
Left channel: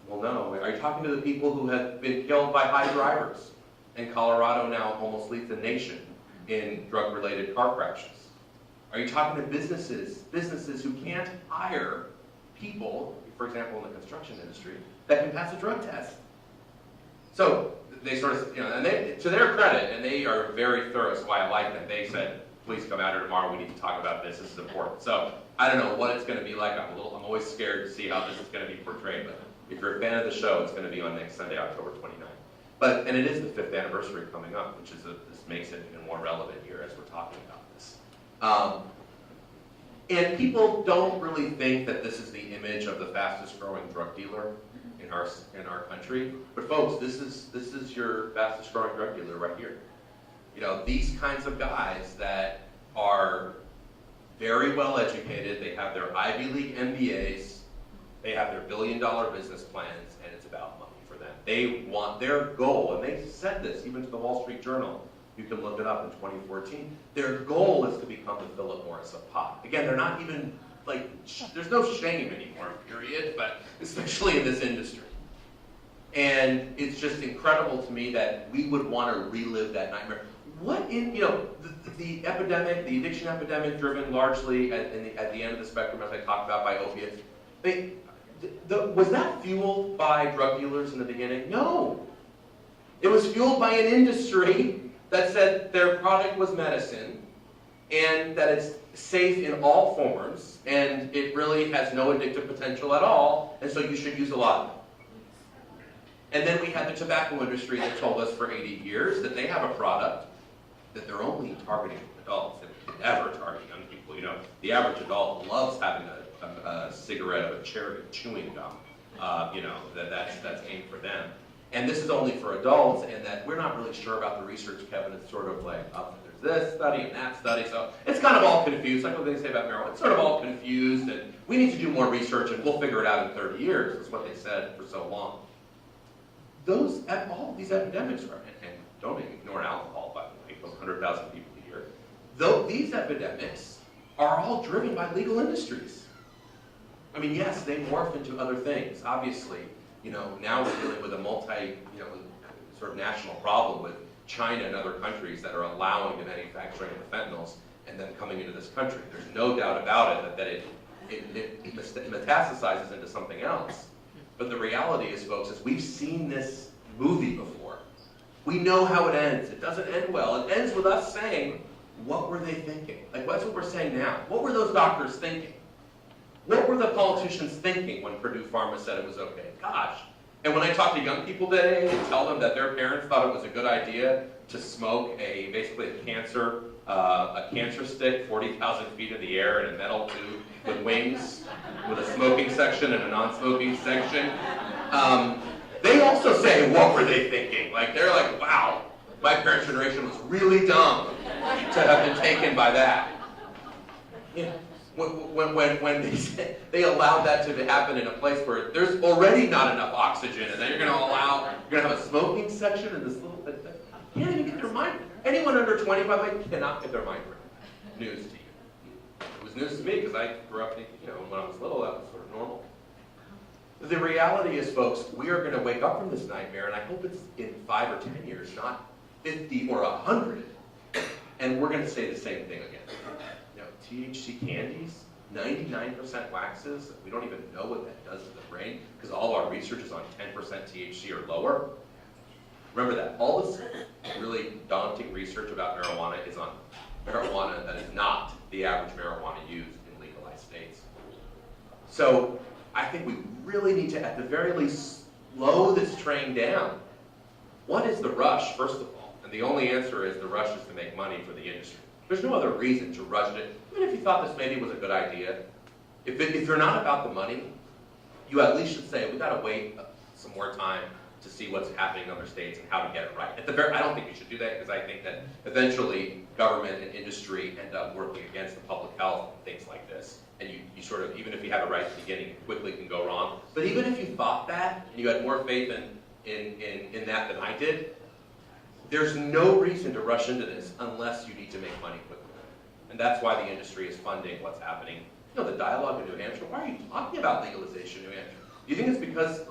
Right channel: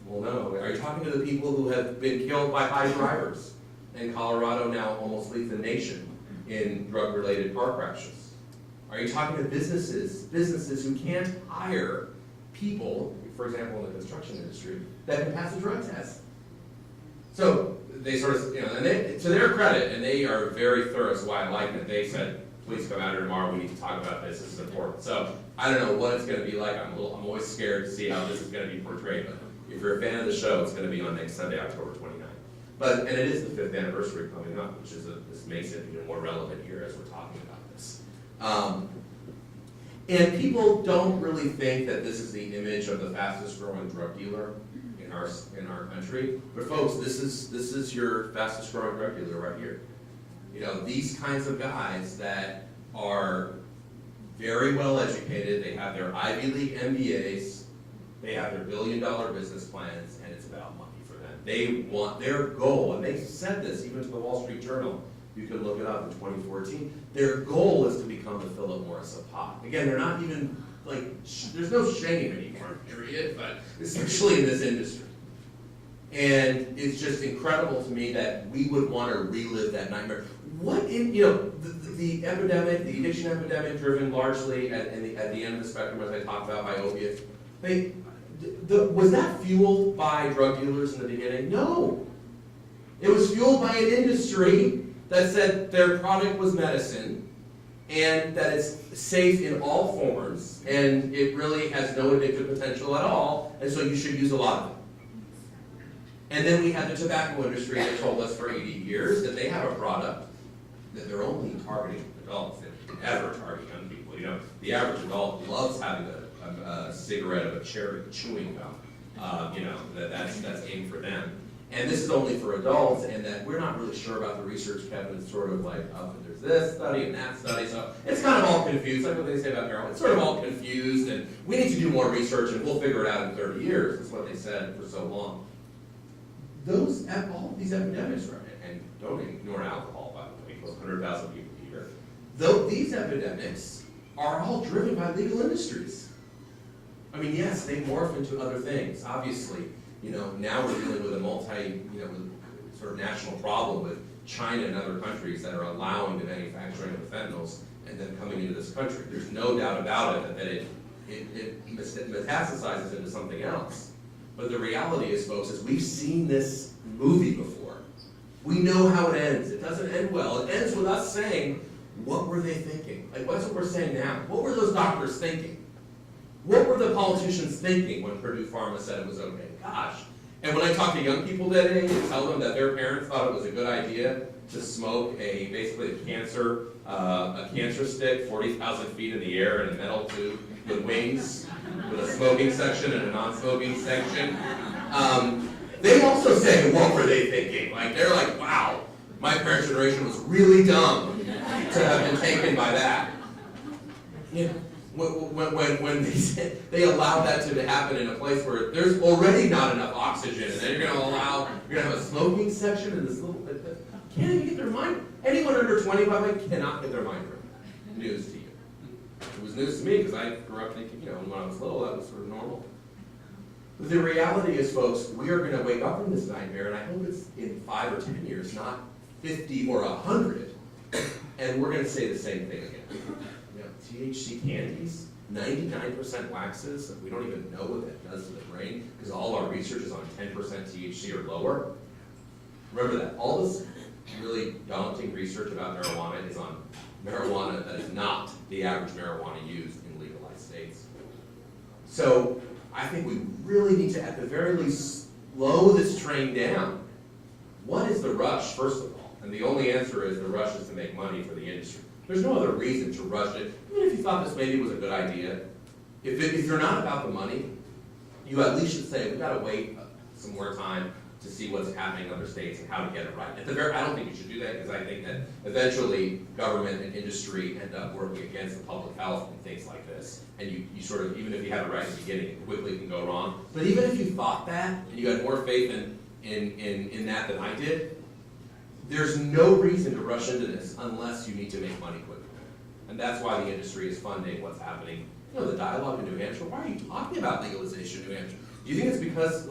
Well, no. Are you talking to the people who have been killed by high drivers? And Colorado now almost leads the nation in drug-related car crashes. Are you talking to businesses who can't hire people, for example, in the construction industry, that can pass a drug test? So they sort of, and to their credit, and they are very thorough, is why I like it, they said, please come out here tomorrow, we need to talk about this is important. So I don't know what it's going to be like. I'm always scared to see how this is going to be portrayed, but if you're a fan of the show, it's going to be on next Sunday, October 29th. And it is the 5th anniversary coming up, which is this makes it even more relevant here as we're talking about this. And people don't really think that this is the image of the fastest growing drug dealer in our country. But folks, this is your fastest growing drug dealer right here. You know, these kinds of guys that are very well educated, they have their Ivy League MBAs, they have their billion-dollar business plans, and it's about money for them. They want their goal, and they said this even to the Wall Street Journal. You can look it up in 2014. Their goal is to become the Philip Morris of pop. Again, they're not even there's no shame anymore, period, but especially in this industry. And it's just incredible to me that we would want to relive that nightmare. What in, the epidemic, the addiction epidemic driven largely at the end of the spectrum, as I talked about, by opiates, was that fueled by drug dealers in the beginning? No. It was fueled by an industry that said their product was medicine and that it's safe in all forms and it really has no addictive potential at all, and so you should use a lot of it. And then we had the tobacco industry that told us for 80 years that they have a product that they're only targeting adults. They never target young people. The average adult loves having a cigarette of a cherry chewing gum. That's aimed for them. And this is only for adults, and that we're not really sure about the research, Kevin. It's sort of like, there's this study and that study, so it's kind of all confused. Like what they say about marijuana, it's sort of all confused, and we need to do more research, and we'll figure it out in 30 years. That's what they said for so long. All these epidemics, and don't ignore alcohol, by the way, kills 100,000 people a year. These epidemics are all driven by legal industries. I mean, yes, they morph into other things. Obviously, now we're dealing with a sort of national problem with China and other countries that are allowing the manufacturing of fentanyls and then coming into this country. There's no doubt about it that it metastasizes into something else. But the reality is, folks, is we've seen this movie before. We know how it ends. It doesn't end well. It ends with us saying, what were they thinking? That's what we're saying now. What were those doctors thinking? What were the politicians thinking when Purdue Pharma said it was okay? Gosh. And when I talk to young people today and tell them that their parents thought it was a good idea to smoke basically a cancer stick 40,000 feet in the air in a metal tube with wings, with a smoking section and a non-smoking section, they also say, what were they thinking? They're like, wow, my parents' generation was really dumb to have been taken by that. When they allowed that to happen in a place where there's already not enough oxygen, and then you're going to have a smoking section in this little thing. Can't even get their mind. Anyone under 20, by the way, cannot get their mind right. News to you. It was news to me because I grew up thinking, when I was little, that was sort of normal. But the reality is, folks, we are going to wake up from this nightmare, and I hope it's in 5 or 10 years, not 50 or 100, and we're going to say the same thing again. THC candies, 99% waxes, we don't even know what that does to the brain because all our research is on 10% THC or lower. Remember that. All this really daunting research about marijuana is on marijuana that is not the average marijuana used in legalized states. So I think we really need to, at the very least, slow this train down. What is the rush, first of all? And the only answer is the rush is to make money for the industry. There's no other reason to rush it. Even if you thought this maybe was a good idea, if they're not about the money, you at least should say, we've got to wait some more time to see what's happening in other states and how to get it right. I don't think you should do that because I think that eventually government and industry end up working against the public health and things like this. And you sort of, even if you have it right at the beginning, it quickly can go wrong. But even if you thought that, and you had more faith in that than I did, there's no reason to rush into this unless you need to make money quickly. And that's why the industry is funding what's happening. The dialogue in New Hampshire, why are you talking about legalization in New Hampshire? Do you think it's because,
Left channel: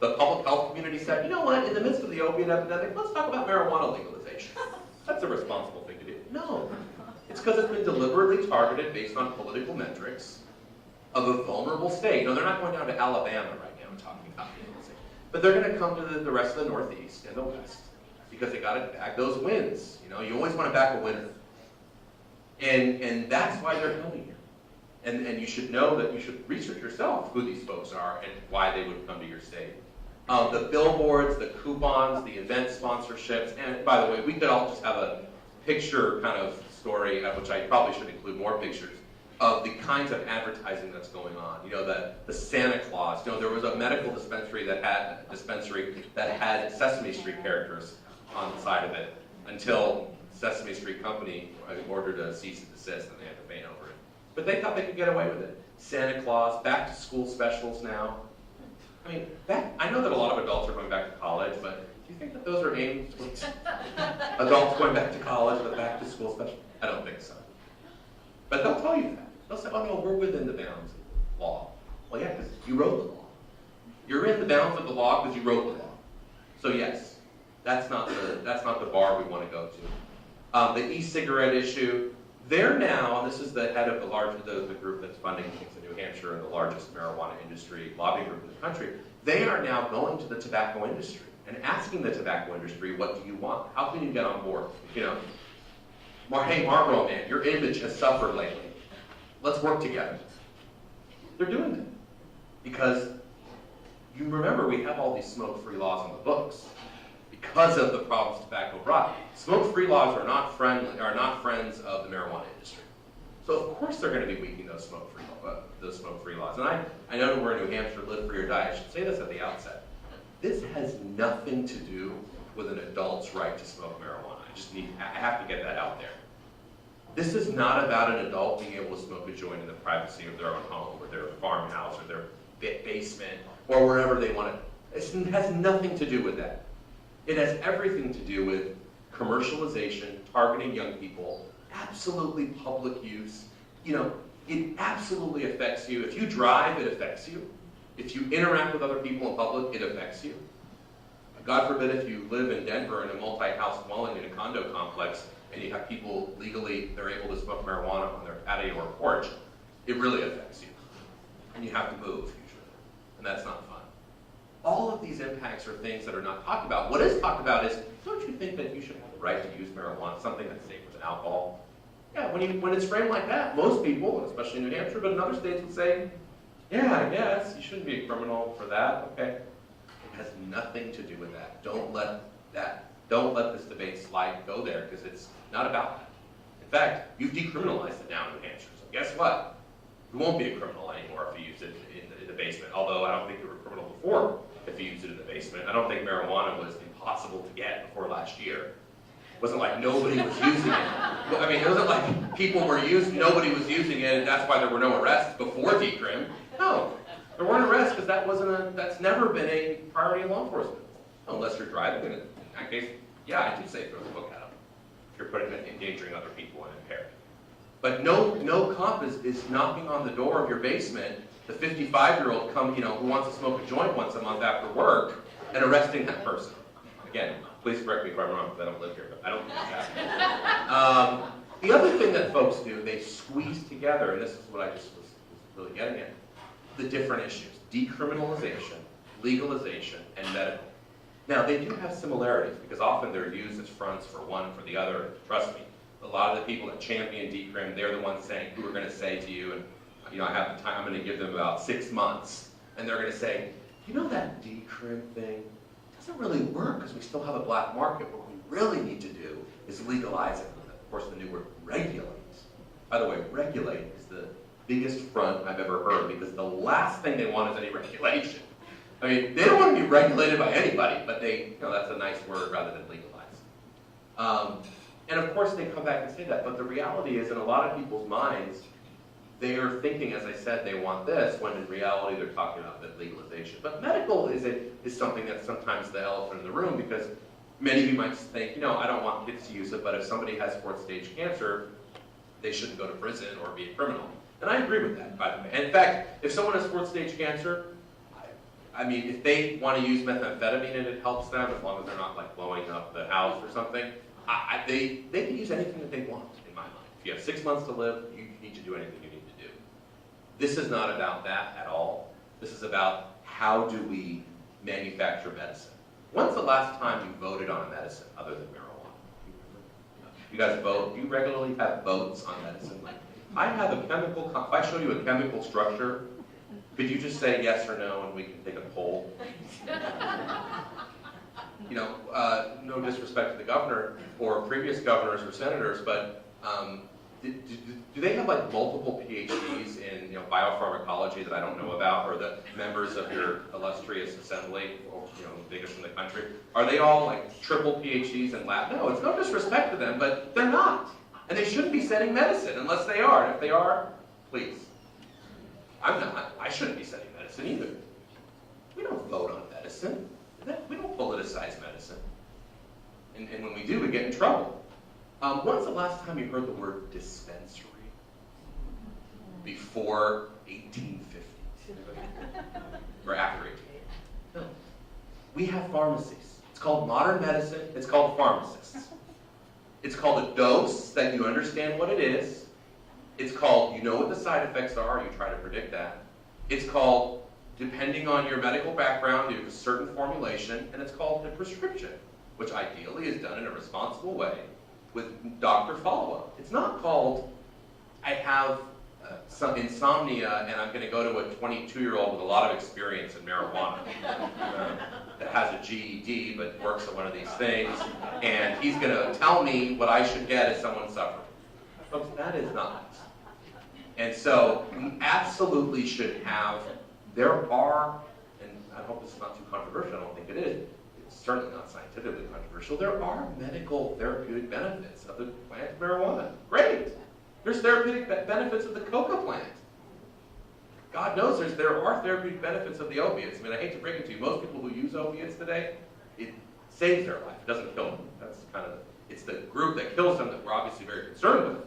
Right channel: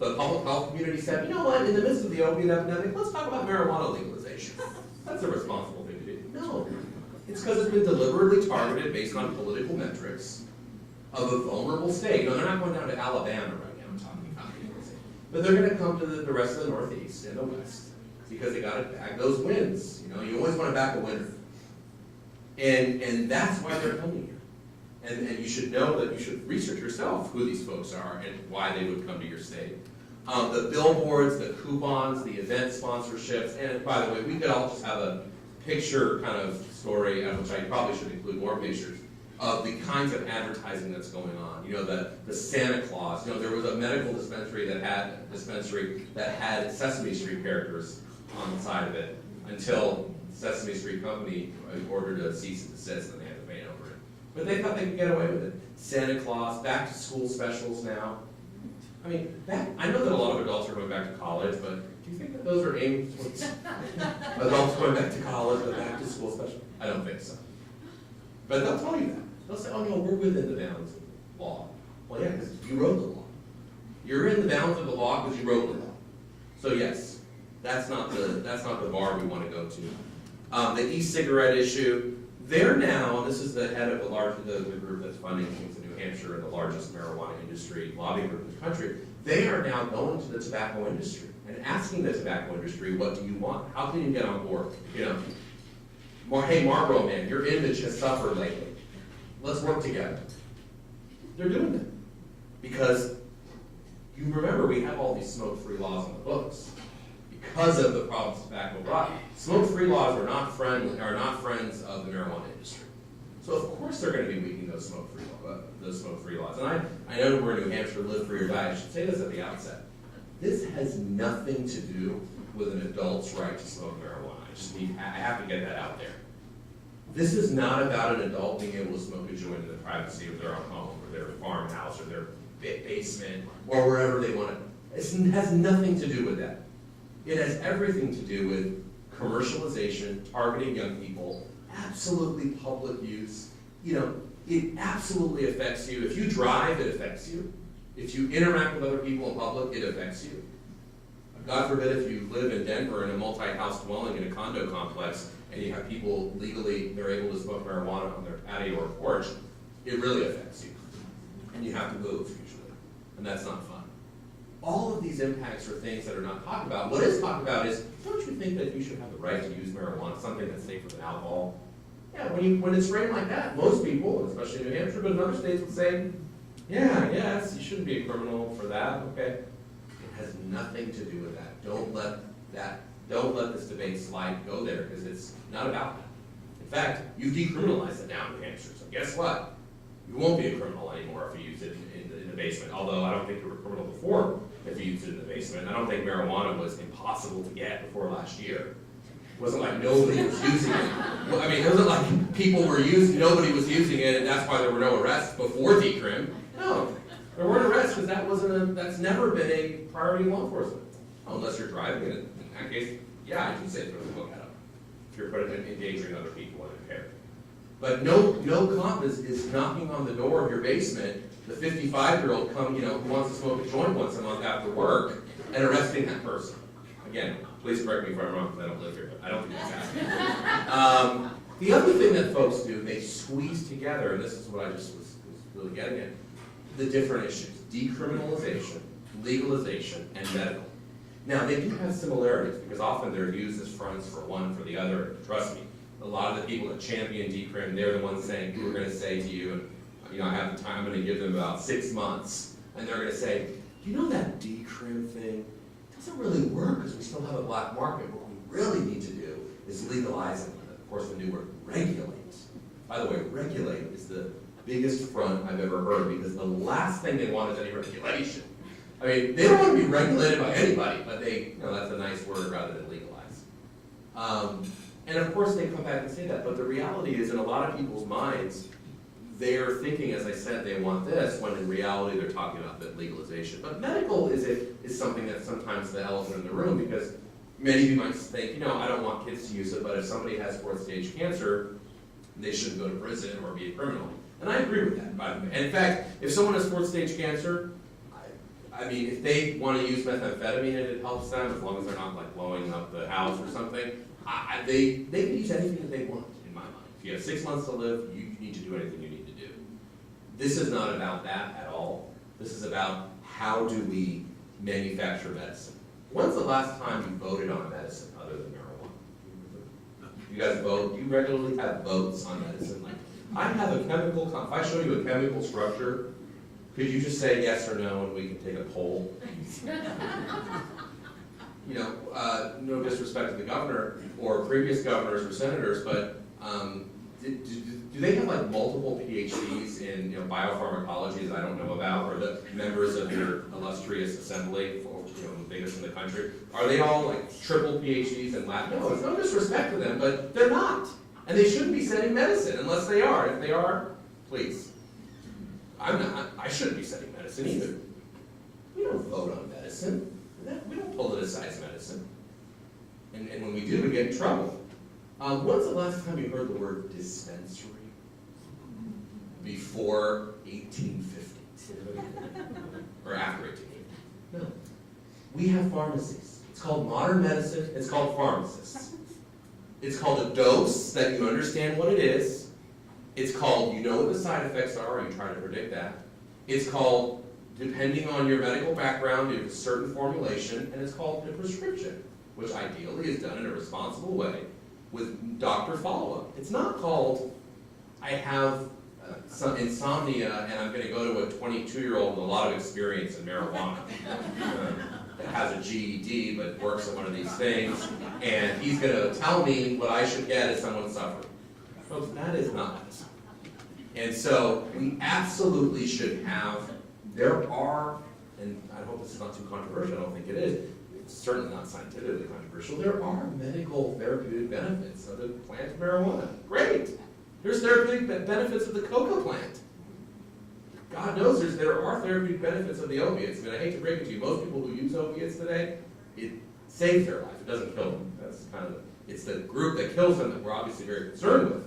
the public health community said, you know what, in the midst of the opiate epidemic, let's talk about marijuana legalization? That's a responsible thing to do. No. It's because it's been deliberately targeted based on political metrics of a vulnerable state. No, they're not going down to Alabama right now talking about legalization. But they're going to come to the rest of the Northeast and the West. Because they got to back those wins. You always want to back a winner. And that's why they're coming here. And you should know that you should research yourself who these folks are and why they would come to your state. The billboards, the coupons, the event sponsorships, and by the way, we could all just have a picture kind of story, which I probably should include more pictures, of the kinds of advertising that's going on. The Santa Claus. There was a medical dispensary that had Sesame Street characters on the side of it until Sesame Street Company ordered a cease and desist and they had to paint over it. But they thought they could get away with it. Santa Claus, back to school specials now. I mean, I know that a lot of adults are going back to college, but do you think that those are aimed towards adults going back to college, but back to school specials? I don't think so. But they'll tell you that. They'll say, oh no, we're within the bounds of the law. Well, yeah, because you wrote the law. You're in the bounds of the law because you wrote the law. So yes, that's not the bar we want to go to. The e-cigarette issue, they're now, this is the head of the group that's funding things in New Hampshire and the largest marijuana industry lobbying group in the country. They are now going to the tobacco industry and asking the tobacco industry, what do you want? How can you get on board? You know, hey Marlboro man, your image has suffered lately. Let's work together. They're doing that because you remember we have all these smoke-free laws on the books because of the problems tobacco brought. Smoke-free laws are not friends of the marijuana industry. So of course they're going to be weakening those smoke-free laws. And I know we're in New Hampshire, live for your diet. I should say this at the outset. This has nothing to do with an adult's right to smoke marijuana. I have to get that out there. This is not about an adult being able to smoke a joint in the privacy of their own home or their farmhouse or their basement or wherever they want it. It has nothing to do with that. It has everything to do with commercialization, targeting young people, absolutely public use. You know, it absolutely affects you. If you drive, it affects you. If you interact with other people in public, it affects you. God forbid if you live in Denver in a multi-house dwelling in a condo complex and you have people legally, they're able to smoke marijuana on their patio or porch, it really affects you. And you have to move usually, and that's not fun. All of these impacts are things that are not talked about. What is talked about is, don't you think that you should have the right to use marijuana, something that's safer than alcohol? Yeah, when it's framed like that, most people, especially in New Hampshire, but in other states would say, yeah, yes, you shouldn't be a criminal for that, okay? It has nothing to do with that. Don't let this debate slide go there, because it's not about that. In fact, you've decriminalized it now in New Hampshire, so guess what? You won't be a criminal anymore if you use it in the basement, although I don't think you were a criminal before if you used it in the basement. I don't think marijuana was impossible to get before last year. It wasn't like nobody was using it. Well, I mean, it wasn't like nobody was using it and that's why there were no arrests before decrim. No, there weren't arrests because that's never been a priority in law enforcement. Unless you're driving it. In that case, yeah, I can say throw the book at them. If you're endangering other people and impaired. But no cop is knocking on the door of your basement, the 55-year-old who wants to smoke a joint once a month after work, and arresting that person. Again, please correct me if I'm wrong, because I don't live here, but I don't think that's happening. The other thing that folks do, they squeeze together, and this is what I just was really getting at, the different issues: decriminalization, legalization, and medical. Now, they do have similarities, because often they're used as fronts for one for the other. Trust me, a lot of the people that champion decrim, they're the ones saying, who are going to say to you, and I have the time, I'm going to give them about 6 months, and they're going to say, you know that decrim thing doesn't really work because we still have a black market. What we really need to do is legalize it, and of course the new word, regulate. By the way, regulate is the biggest front I've ever heard, because the last thing they want is any regulation. I mean, they don't want to be regulated by anybody, but that's a nice word rather than legalize. And of course they come back and say that, but the reality is in a lot of people's minds, they are thinking, as I said, they want this, when in reality they're talking about that legalization. But medical is something that's sometimes the elephant in the room, because many of you might think, I don't want kids to use it, but if somebody has 4th stage cancer, they shouldn't go to prison or be a criminal. And I agree with that, by the way. And in fact, if someone has 4th stage cancer, I mean, if they want to use methamphetamine and it helps them, as long as they're not like blowing up the house or something, they can use anything that they want, in my mind. If you have 6 months to live, you need to do anything you need to do. This is not about that at all. This is about how do we manufacture medicine. When's the last time you voted on medicine other than marijuana? You guys vote? You regularly have votes on medicine? Like, I have a chemical, if I show you a chemical structure, could you just say yes or no and we can take a poll? No disrespect to the governor or previous governors or senators, but do they have like multiple PhDs in biopharmacology that I don't know about, or the members of your illustrious assembly, the biggest in the country? Are they all like triple PhDs in lab? No, it's no disrespect to them, but they're not. And they shouldn't be studying medicine unless they are. If they are, please. I'm not. I shouldn't be studying medicine either. We don't vote on medicine. We don't politicize medicine. And when we do, we get in trouble. When's the last time you heard the word dispensary? before 1850 or after 1850. No. We have pharmacies. It's called modern medicine. It's called pharmacists. It's called a dose that you understand what it is. It's called you know what the side effects are. You try to predict that. It's called, depending on your medical background, you have a certain formulation, and it's called the prescription, which ideally is done in a responsible way with doctor follow-up. It's not called, I have some insomnia and I'm going to go to a 22-year-old with a lot of experience in marijuana that has a GED but works at one of these things, and he's going to tell me what I should get as someone suffering. Folks, that is not. And so we absolutely should have, there are, and I hope this is not too controversial, I don't think it is, it's certainly not scientifically controversial, there are medical therapeutic benefits of the plant marijuana. Great! There's therapeutic benefits of the coca plant. God knows there are therapeutic benefits of the opiates. I mean, I hate to break it to you, most people who use opiates today, it saves their life, it doesn't kill them. That's kind of, it's the group that kills them that we're obviously very concerned with.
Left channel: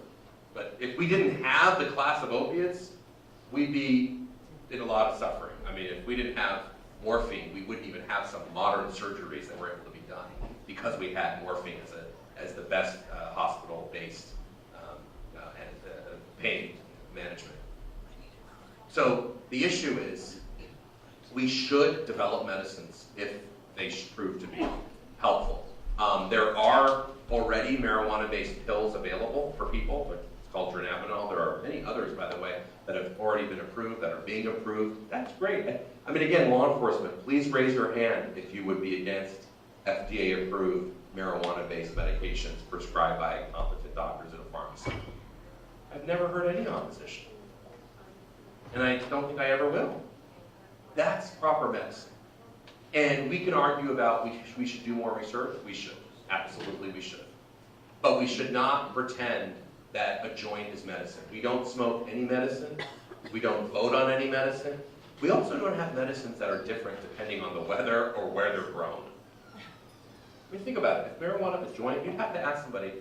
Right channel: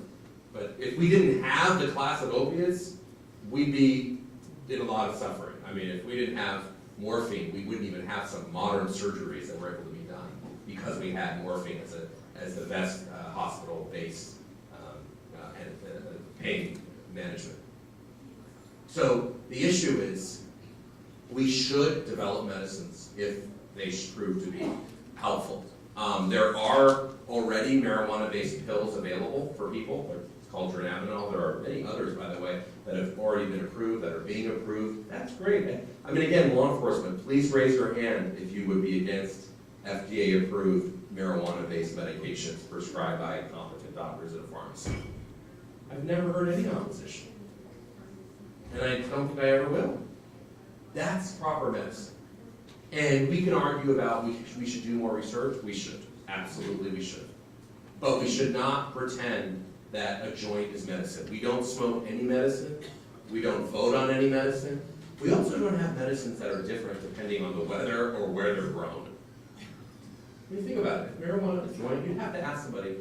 But if we didn't have the class of opiates, we'd be in a lot of suffering. I mean, if we didn't have morphine, we wouldn't even have some modern surgeries that were able to be done because we had morphine as the best hospital-based pain management. So the issue is we should develop medicines if they prove to be helpful. There are already marijuana-based pills available for people, but it's called dronabinol. There are many others, by the way, that have already been approved, that are being approved. That's great. I mean, again, law enforcement, please raise your hand if you would be against FDA-approved marijuana-based medications prescribed by competent doctors in a pharmacy. I've never heard any opposition. And I don't think I ever will. That's proper medicine. And we can argue about we should do more research. We should. Absolutely we should. But we should not pretend that a joint is medicine. We don't smoke any medicine. We don't vote on any medicine. We also don't have medicines that are different depending on the weather or where they're grown. I mean, think about it. If marijuana is a joint, you'd have to ask somebody,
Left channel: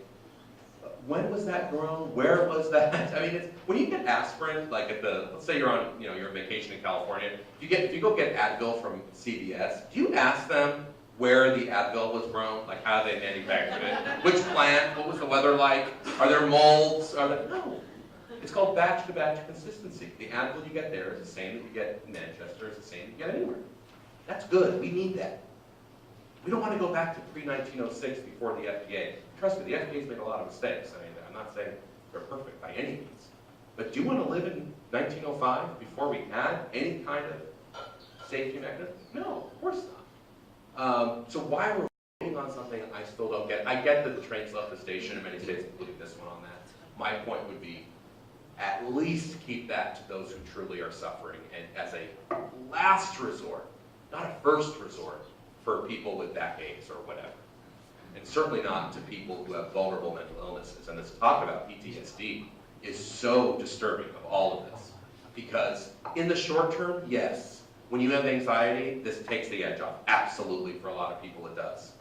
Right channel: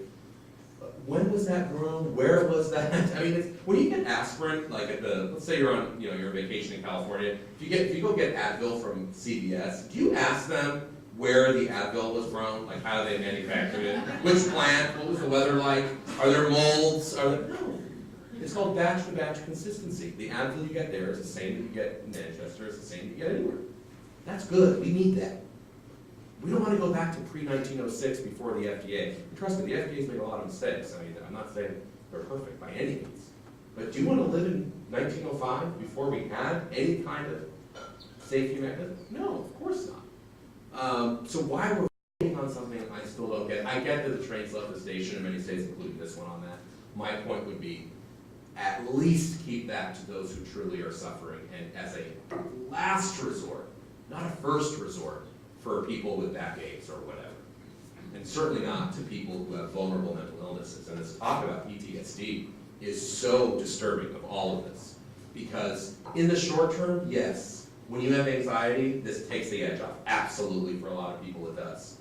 when was that grown? Where was that? I mean, when you get aspirin, like let's say you're on, you're on vacation in California. If you go get Advil from CVS, do you ask them where the Advil was grown? Like how they manufactured it? Which plant? What was the weather like? Are there molds? No. It's called batch-to-batch consistency. The Advil you get there is the same that you get in Manchester. It's the same that you get anywhere. That's good. We need that. We don't want to go back to pre-1906 before the FDA. Trust me, the FDA's made a lot of mistakes. I mean, I'm not saying they're perfect by any means. But do you want to live in 1905 before we had any kind of safety mechanism? No, of course not. So why we're voting on something I still don't get. I get that the trains left the station in many states, including this one on that. My point would be, at least keep that to those who truly are suffering, and as a last resort, not a first resort, for people with backaches or whatever. And certainly not to people who have vulnerable mental illnesses. And this talk about PTSD is so disturbing of all of this. Because in the short term, yes, when you have anxiety, this takes the edge off. Absolutely, for a lot of people it does.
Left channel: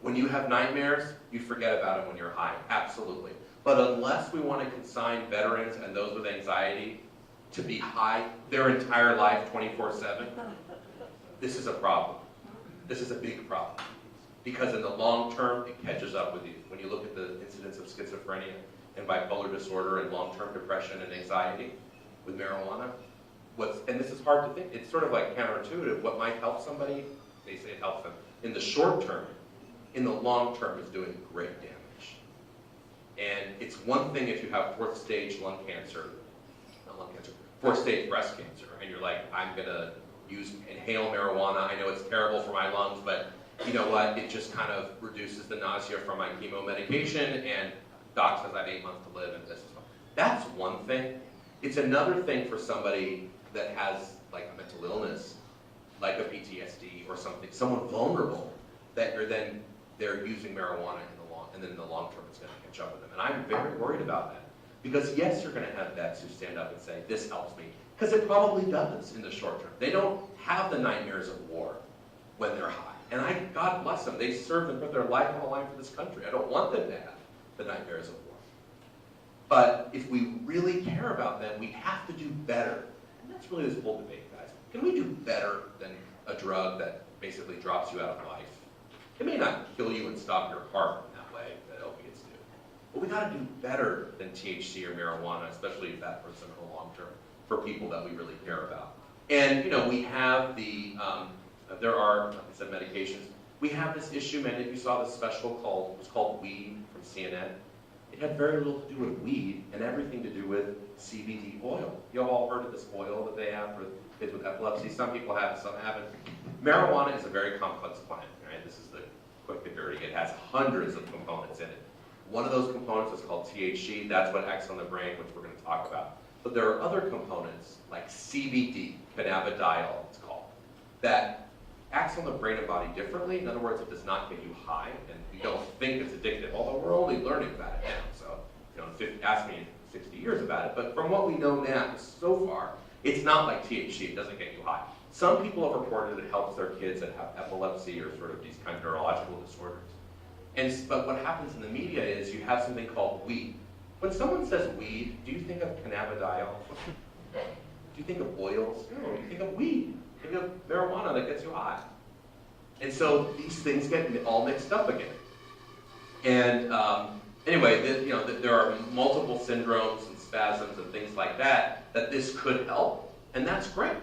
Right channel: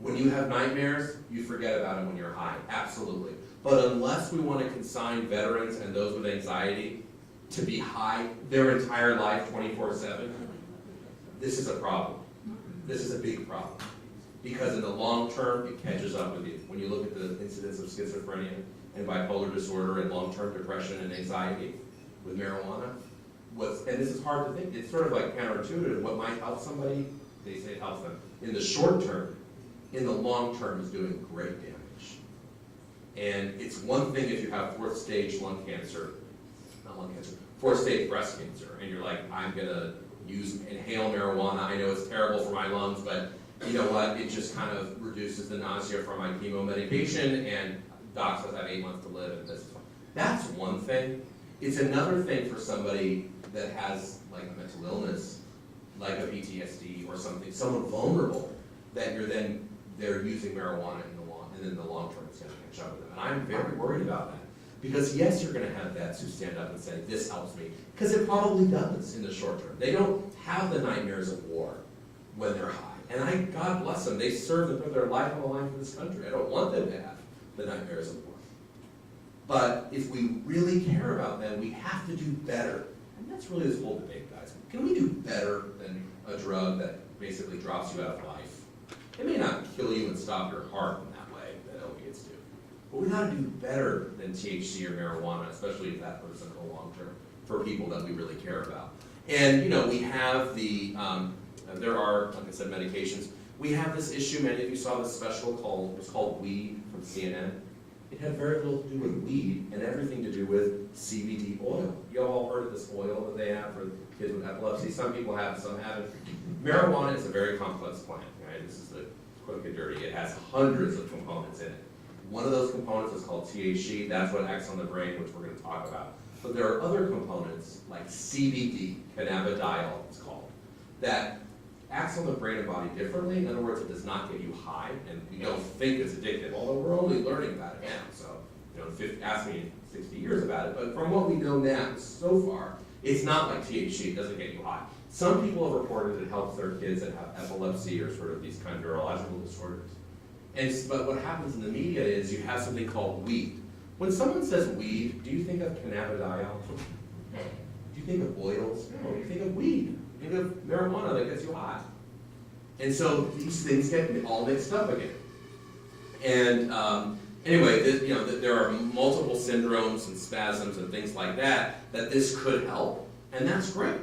When you have nightmares, you forget about them when you're high. Absolutely. But unless we want to consign veterans and those with anxiety to be high their entire life 24/7, this is a problem. This is a big problem. Because in the long term, it catches up with you. When you look at the incidence of schizophrenia and bipolar disorder and long-term depression and anxiety with marijuana, and this is hard to think, it's sort of like counterintuitive. What might help somebody, they say it helps them. In the short term, in the long term, it's doing great damage. And it's one thing if you have fourth stage breast cancer, and you're like, I'm gonna inhale marijuana. I know it's terrible for my lungs, but you know what? It just kind of reduces the nausea from my chemo medication, and doc says I have 8 months to live, and this is fine. That's one thing. It's another thing for somebody that has like a mental illness, like a PTSD or something, someone vulnerable, that they're using marijuana and then in the long term it's going to catch up with them. And I'm very worried about that. Because yes, you're going to have vets who stand up and say, this helps me. Because it probably does in the short term. They don't have the nightmares of war when they're high. And God bless them, they serve and put their life on the line for this country. I don't want them to have the nightmares of war. But if we really care about them, we have to do better. And that's really this whole debate, guys. Can we do better than a drug that basically drops you out of life? It may not kill you and stop your heart in that way that opiates do. But we gotta do better than THC or marijuana, especially if that was in the long term, for people that we really care about. And we have the, there are, like I said, medications. We have this issue, many of you saw this special it was called Weed from CNN. It had very little to do with weed and everything to do with CBD oil. You've all heard of this oil that they have for kids with epilepsy. Some people have it, some haven't. Marijuana is a very complex plant, right? This is the quick and dirty. It has hundreds of components in it. One of those components is called THC. That's what acts on the brain, which we're going to talk about. But there are other components, like CBD, cannabidiol it's called, that acts on the brain and body differently. In other words, it does not get you high, and you don't think it's addictive, although we're only learning about it now. So, ask me in 60 years about it, but from what we know now, so far, it's not like THC, it doesn't get you high. Some people have reported it helps their kids that have epilepsy or sort of these kind of neurological disorders. But what happens in the media is you have something called weed. When someone says weed, do you think of cannabidiol? Do you think of oils? No, you think of weed. You think of marijuana that gets you high. And so these things get all mixed up again. And anyway, there are multiple syndromes and spasms and things like that this could help, and that's great.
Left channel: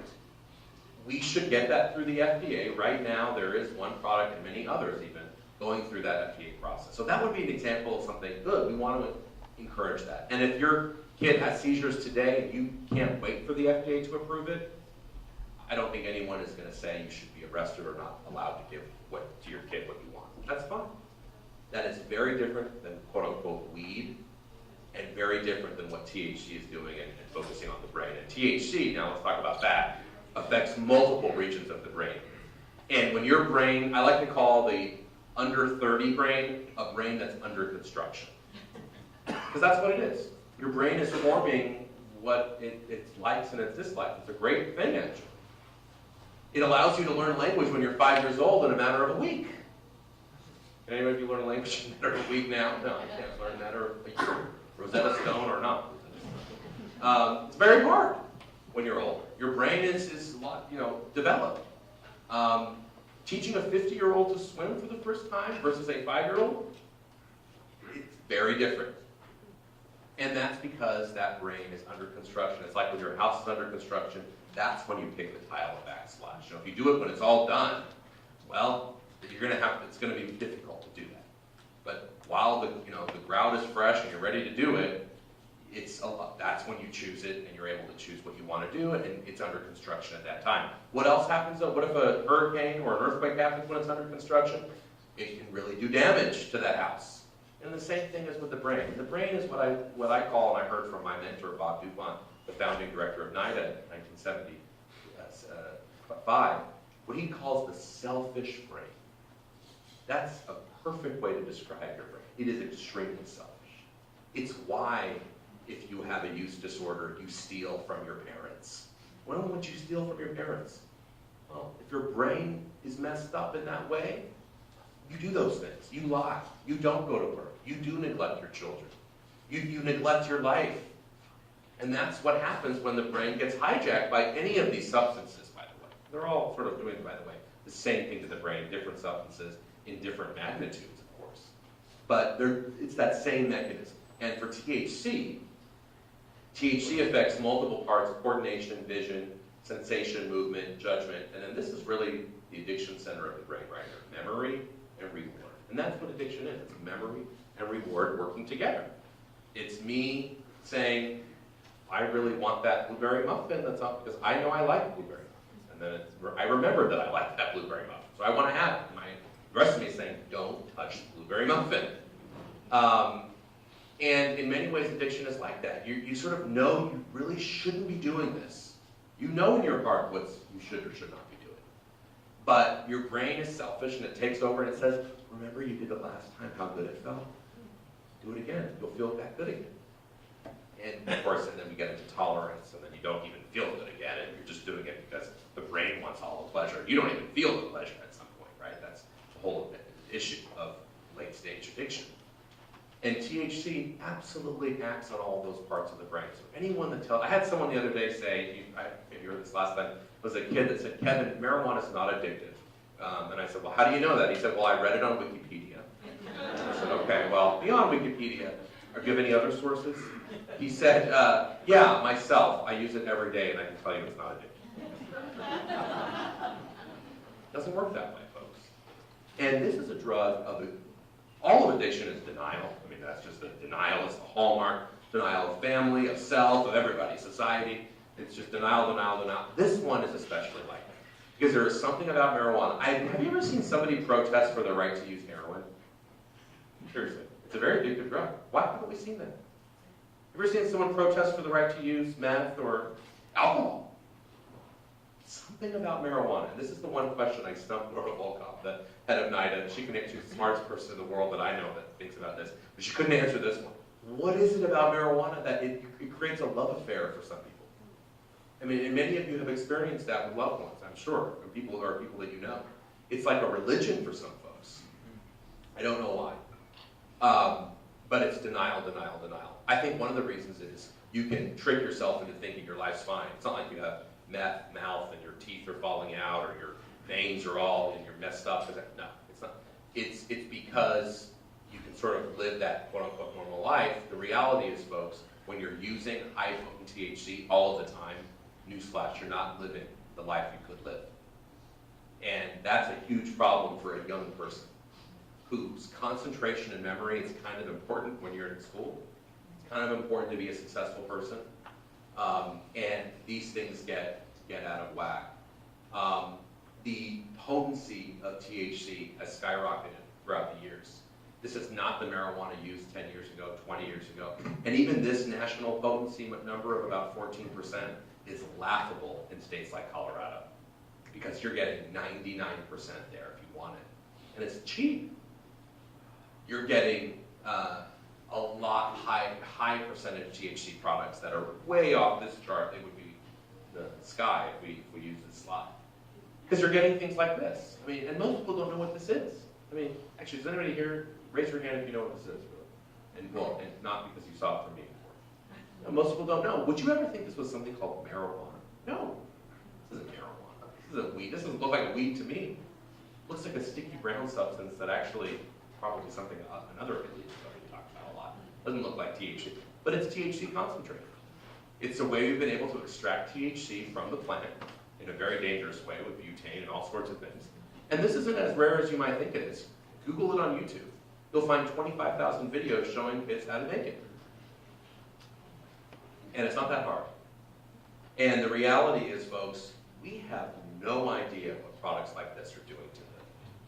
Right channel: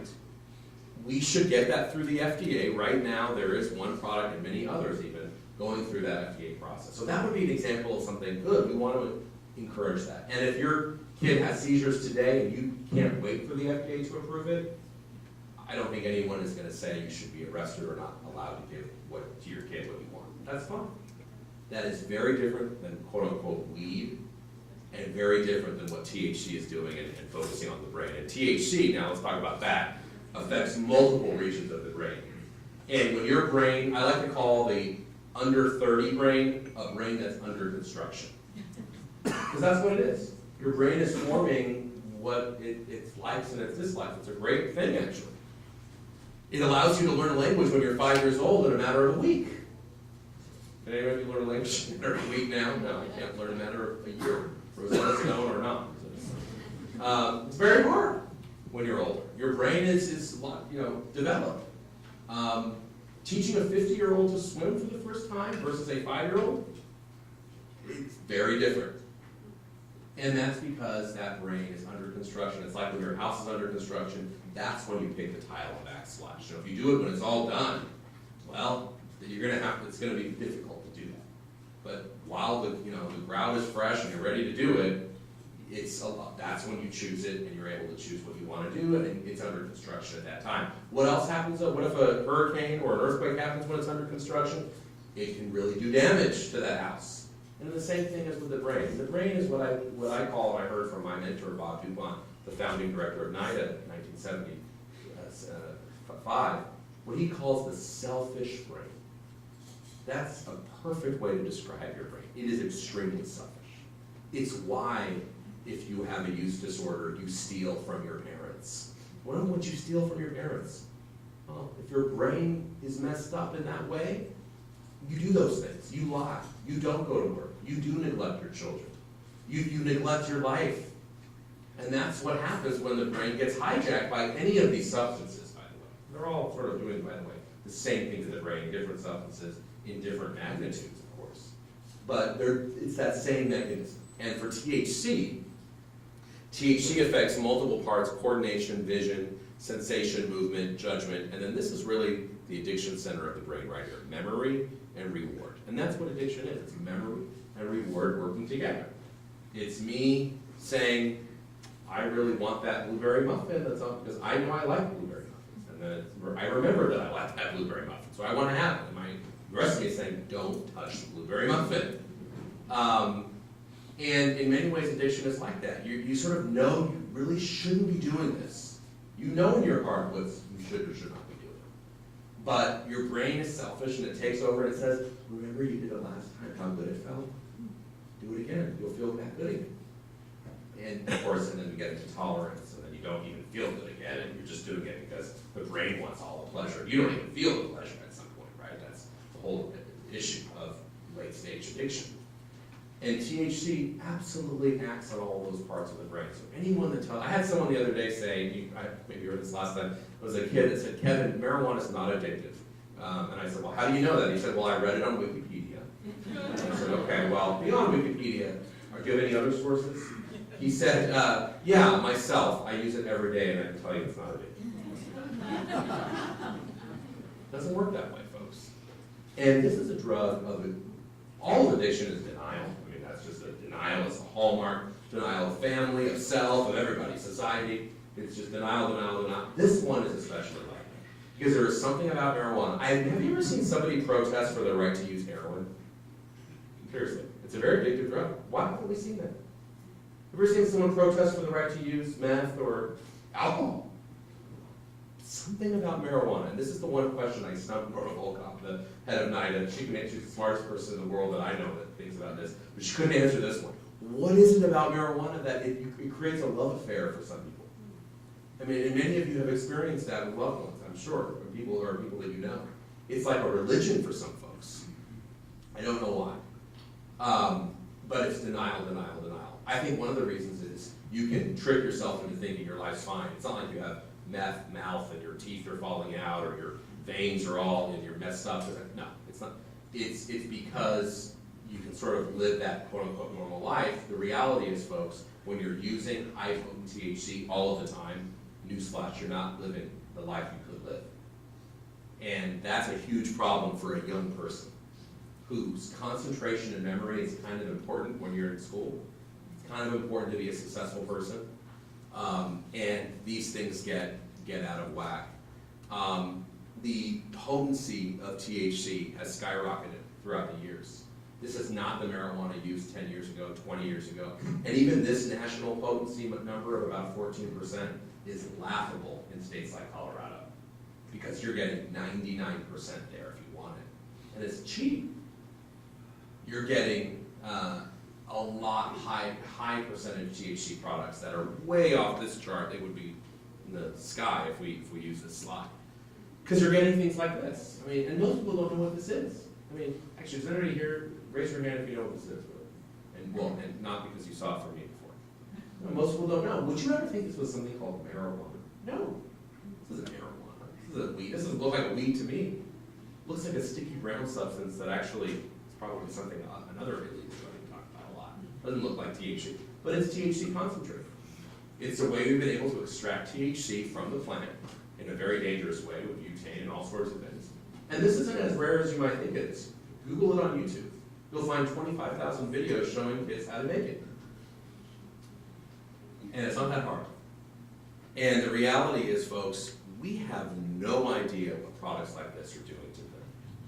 We should get that through the FDA. Right now, there is one product and many others even going through that FDA process. So that would be an example of something good. We want to encourage that. And if your kid has seizures today and you can't wait for the FDA to approve it, I don't think anyone is going to say you should be arrested or not allowed to give to your kid what you want. That's fine. That is very different than quote-unquote weed, and very different than what THC is doing and focusing on the brain. And THC, now let's talk about that, affects multiple regions of the brain. And when your brain, I like to call the under 30 brain a brain that's under construction. Because that's what it is. Your brain is forming what its likes and its dislikes. It's a great thing, actually. It allows you to learn language when you're 5 years old in a matter of a week. Anybody of you learn language in a matter of a week now? No, you can't learn in a matter of a year. Rosetta Stone or not. It's very hard when you're older. Your brain is developed. Teaching a 50-year-old to swim for the first time versus a 5-year-old, it's very different. And that's because that brain is under construction. It's like when your house is under construction, that's when you pick the tile and backsplash. If you do it when it's all done, well, it's gonna be difficult to do that. But while the ground is fresh and you're ready to do it, that's when you choose it and you're able to choose what you want to do, and it's under construction at that time. What else happens though? What if a hurricane or an earthquake happens when it's under construction? It can really do damage to that house. And the same thing is with the brain. The brain is what I call, and I heard from my mentor, Bob Dupont, the founding director of NIDA in 1975, what he calls the selfish brain. That's a perfect way to describe your brain. It is extremely selfish. It's why, if you have a use disorder, you steal from your parents. Why would you steal from your parents? Well, if your brain is messed up in that way, you do those things. You lie. You don't go to work. You do neglect your children. You neglect your life. And that's what happens when the brain gets hijacked by any of these substances, by the way. They're all sort of doing, by the way, the same thing to the brain, different substances in different magnitudes, of course. But it's that same mechanism. And for THC affects multiple parts: coordination, vision, sensation, movement, judgment, and then this is really the addiction center of the brain right here: memory and reward. And that's what addiction is. It's memory and reward working together. It's me saying, I really want that blueberry muffin, that's all, because I know I like blueberry muffins. And then I remember that I like that blueberry muffin, so I want to have it. The rest of me is saying, don't touch the blueberry muffin. And in many ways, addiction is like that. You sort of know you really shouldn't be doing this. You know in your heart what you should or should not be doing. But your brain is selfish and it takes over and it says, remember you did it last time, how good it felt? Do it again, you'll feel that good again. And of course, and then we get into tolerance, and then you don't even feel good again, and you're just doing it because the brain wants all the pleasure. You don't even feel the pleasure at some point, right? That's the whole issue of late-stage addiction. And THC absolutely acts on all those parts of the brain. So anyone that I had someone the other day say, maybe you heard this last time, it was a kid that said, Kevin, marijuana is not addictive. And I said, well, how do you know that? He said, well, I read it on Wikipedia. And I said, okay, well, beyond Wikipedia, do you have any other sources? He said, yeah, myself. I use it every day, and I can tell you it's not addictive. It doesn't work that way, folks. And this is a drug all of addiction is denial. I mean, that's just a denial. It's the hallmark. Denial of family, of self, of everybody, society. It's just denial, denial, denial. This one is especially like that. Because there is something about marijuana. Have you ever seen somebody protest for their right to use heroin? Seriously. It's a very addictive drug. Why haven't we seen that? Have you ever seen someone protest for the right to use meth or alcohol? Something about marijuana, and this is the one question I stumped Nora Volkov, the head of NIDA. She's the smartest person in the world that I know that thinks about this. But she couldn't answer this one. What is it about marijuana that it creates a love affair for some people? I mean, and many of you have experienced that with loved ones, I'm sure, or people that you know. It's like a religion for some folks. I don't know why. But it's denial, denial, denial. I think one of the reasons is you can trick yourself into thinking your life's fine. It's not like you have meth mouth and your teeth are falling out or your veins are all and you're messed up. No, it's not. It's because you can sort of live that quote-unquote normal life. The reality is, folks, when you're using high-potent THC all the time, newsflash, you're not living the life you could live. And that's a huge problem for a young person whose concentration and memory is kind of important when you're in school. It's kind of important to be a successful person. And these things get out of whack. The potency of THC has skyrocketed throughout the years. This is not the marijuana used 10 years ago, 20 years ago. And even this national potency number of about 14% is laughable in states like Colorado because you're getting 99% there if you want it. And it's cheap. You're getting a lot high percentage THC products that are way off this chart. They would be in the sky if we use this slide. Because you're getting things like this. I mean, and most people don't know what this is. I mean, actually, does anybody here raise your hand if you know what this is, really? And not because you saw it from me before. No, most people don't know. Would you ever think this was something called marijuana? No. This isn't marijuana. This isn't weed. This doesn't look like weed to me. It looks like a sticky brown substance that actually is probably something another illegal drug we talked about a lot. Doesn't look like THC, but it's THC concentrate. It's a way we've been able to extract THC from the plant in a very dangerous way with butane and all sorts of things. And this isn't as rare as you might think it is. Google it on YouTube. You'll find 25,000 videos showing kids how to make it. And it's not that hard. And the reality is, folks, we have no idea what products like this are doing to the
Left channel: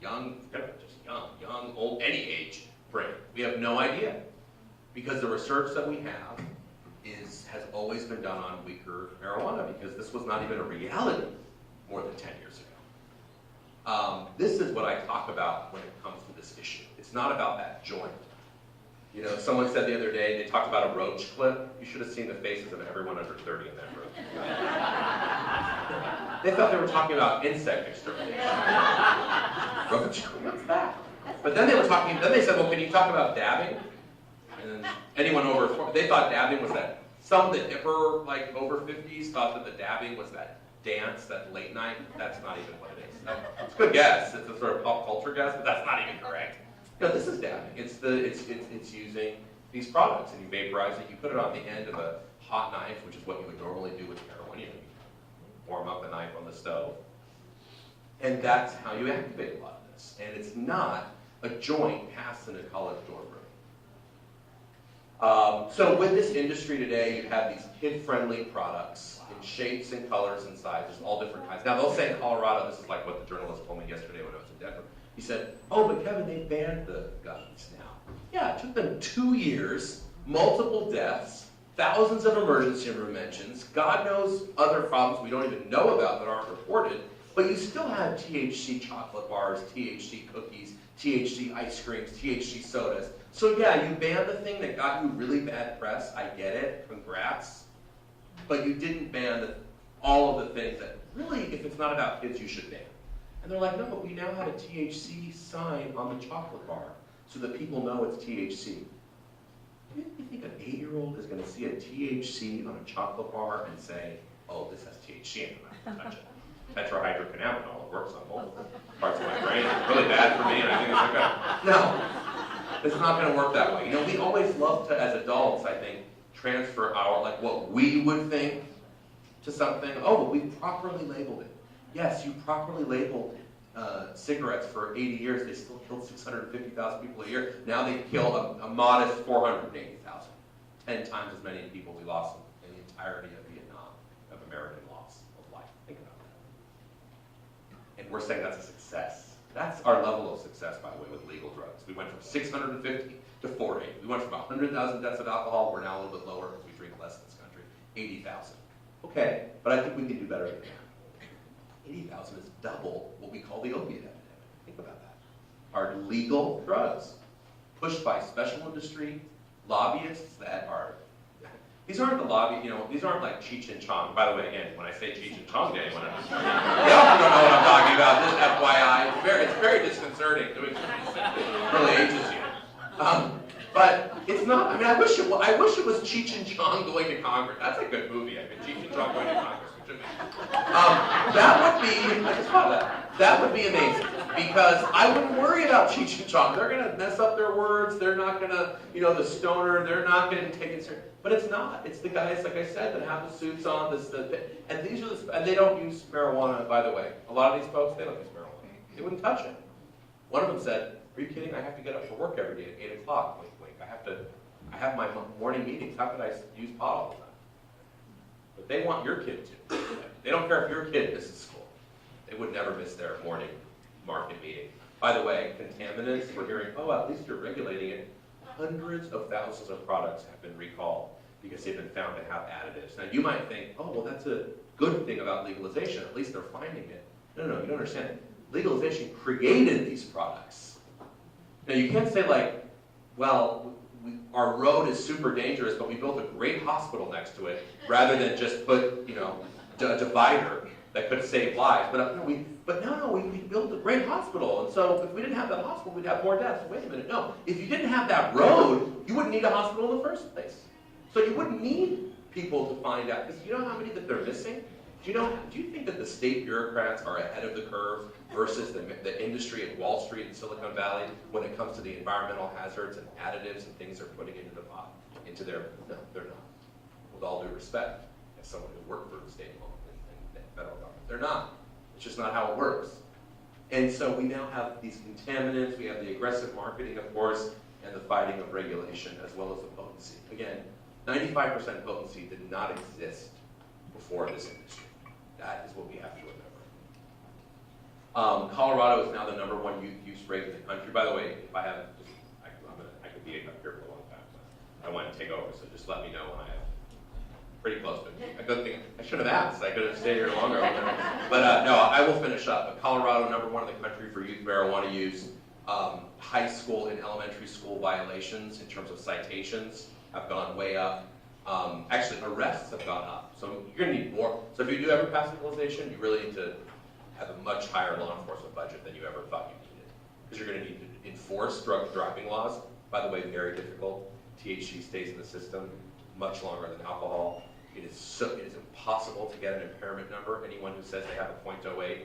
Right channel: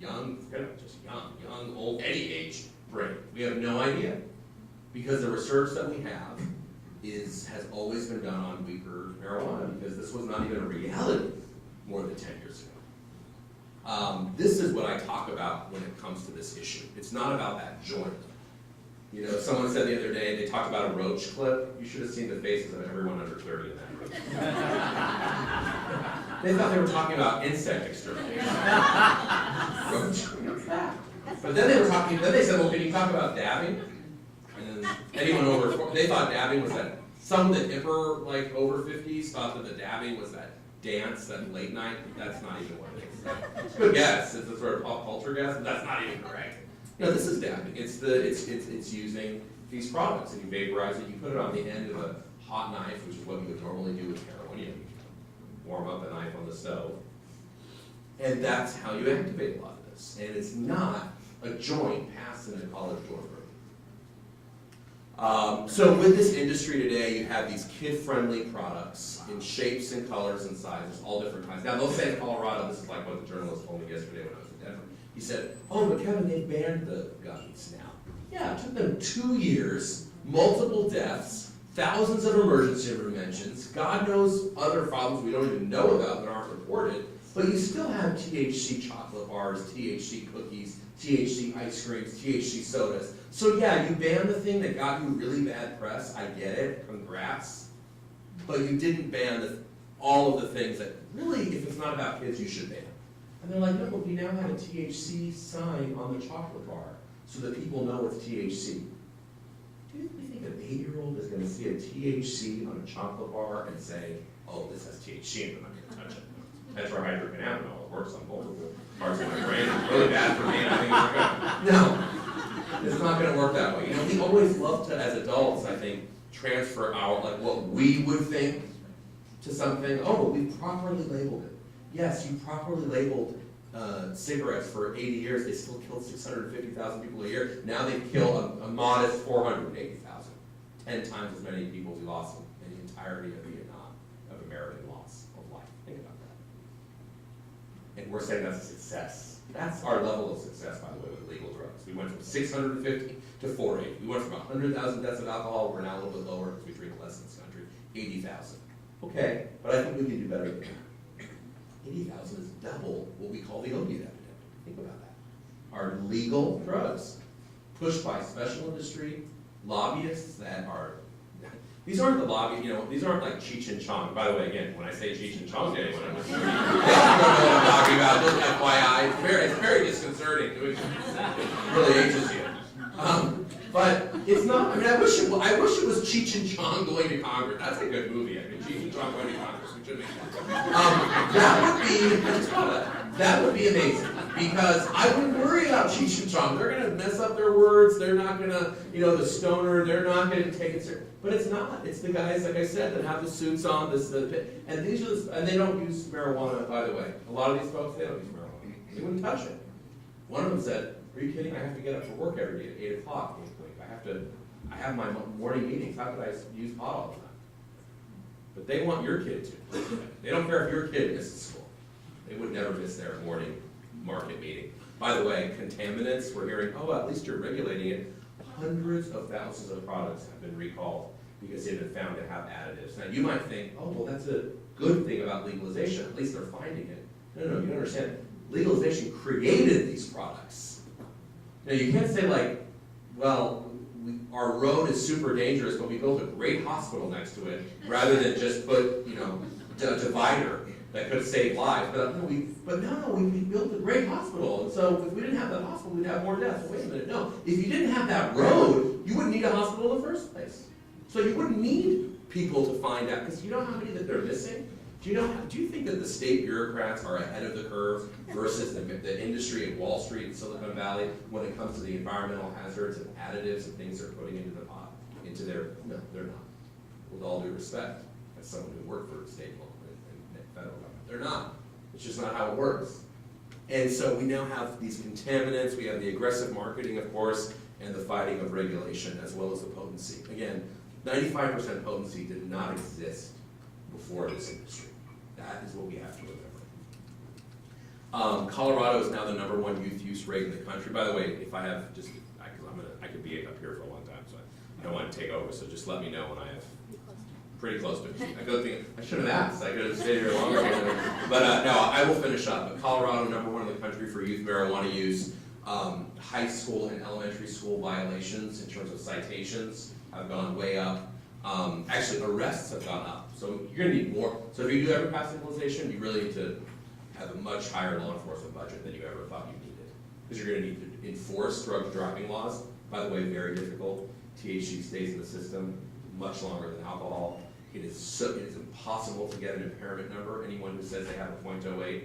young, just young, old, any age brain. We have no idea. Because the research that we have has always been done on weaker marijuana because this was not even a reality more than 10 years ago. This is what I talk about when it comes to this issue. It's not about that joint. You know, someone said the other day, they talked about a roach clip. You should have seen the faces of everyone under 30 in that room. They thought they were talking about insect extermination. Roach clip, what's that? But then they said, well, can you talk about dabbing? And anyone over, they thought dabbing was that, some of the hipper, like over 50s, thought that the dabbing was that dance, that late night. That's not even what it is. It's a good guess. It's a sort of pop culture guess, but that's not even correct. You know, this is dabbing. It's using these products, and you vaporize it. You put it on the end of a hot knife, which is what you would normally do with heroin. You warm up a knife on the stove, and that's how you activate a lot of this. And it's not a joint passed in a college dorm room. So with this industry today, you have these kid-friendly products in shapes and colors and sizes, all different kinds. Now they'll say in Colorado, this is like what the journalist told me yesterday when I was in Denver. He said, oh, but Kevin, they banned the guns now. Yeah, it took them 2 years, multiple deaths, thousands of emergency room mentions, God knows other problems we don't even know about that aren't reported, but you still have THC chocolate bars, THC cookies, THC ice creams, THC sodas. So yeah, you banned the thing that got you really bad press, I get it, congrats, but you didn't ban all of the things that really, if it's not about kids, you should ban. And they're like, no, but we now have a THC sign on the chocolate bar so that people know it's THC. You think an 8-year-old is going to see a THC on a chocolate bar and say, oh, this has THC in it, I'm not going to touch it. Tetrahydrocannabinol, it works on multiple parts of my brain. It's really bad for me, and I think it's good. No, it's not going to work that way. You know, we always love to, as adults, I think, transfer our, like, what we would think to something. Oh, we've properly labeled it. Yes, you properly labeled cigarettes for 80 years. They still killed 650,000 people a year. Now they kill a modest 480,000. 10 times as many people we lost in the entirety of Vietnam, of American loss of life. Think about that. And we're saying that's a success. That's our level of success, by the way, with legal drugs. We went from 650 to 480. We went from 100,000 deaths of alcohol. We're now a little bit lower because we drink less in this country. 80,000. Okay, but I think we can do better than that. 80,000 is double what we call the opiate epidemic. Think about that. Are legal drugs pushed by special industry lobbyists that are, these aren't the lobby, these aren't like Cheech and Chong. By the way, again, when I say Cheech and Chong to anyone else, they also don't know what I'm talking about, just FYI. It's very disconcerting doing this. It really ages you. But it's not, I mean, I wish it was Cheech and Chong going to Congress. That's a good movie, I mean, Cheech and Chong going to Congress. That would be amazing, because I wouldn't worry about Cheech and Chong. They're going to mess up their words. They're not going to, the stoner. They're not going to take it serious. But it's not. It's the guys, like I said, that have the suits on. And these are and they don't use marijuana. By the way, a lot of these folks, they don't use marijuana. They wouldn't touch it. One of them said, "Are you kidding? I have to get up for work every day at 8 o'clock. Wait, I have my morning meetings. How could I use pot all the time?" But they want your kid to. They don't care if your kid misses school. They would never miss their morning market meeting. By the way, contaminants, we're hearing, oh, at least you're regulating it. Hundreds of thousands of products have been recalled because they've been found to have additives. Now, you might think, oh, well, that's a good thing about legalization. At least they're finding it. No, you don't understand. Legalization created these products. Now, you can't say, like, well, our road is super dangerous, but we built a great hospital next to it, rather than just put, a divider that could save lives. But we built a great hospital, and so if we didn't have that hospital, we'd have more deaths. Wait a minute, no. If you didn't have that road, you wouldn't need a hospital in the first place. So you wouldn't need people to find out, because you know how many that they're missing? Do you think that the state bureaucrats are ahead of the curve versus the industry at Wall Street and Silicon Valley when it comes to the environmental hazards and additives and things they're putting into the pot, no, they're not. With all due respect, as someone who worked for state law and federal government, they're not. It's just not how it works. And so we now have these contaminants, we have the aggressive marketing, of course, and the fighting of regulation, as well as the potency. Again, 95% potency did not exist before this industry. That is what we have to remember. Colorado is now the #1 youth use rate in the country. By the way, if I have just, I could be up here for a long time, so I don't want to take over. So just let me know when I have pretty close to it. I should have asked. I could have stayed here longer. But no, I will finish up. Colorado, #1 in the country for youth marijuana use. High school and elementary school violations in terms of citations have gone way up. Actually, arrests have gone up. So you're going to need more. So if you do ever pass legalization, you really need to have a much higher law enforcement budget than you ever thought you needed. Because you're going to need to enforce drug driving laws. By the way, very difficult. THC stays in the system much longer than alcohol. It is impossible to get an impairment number. Anyone who says they have a .08,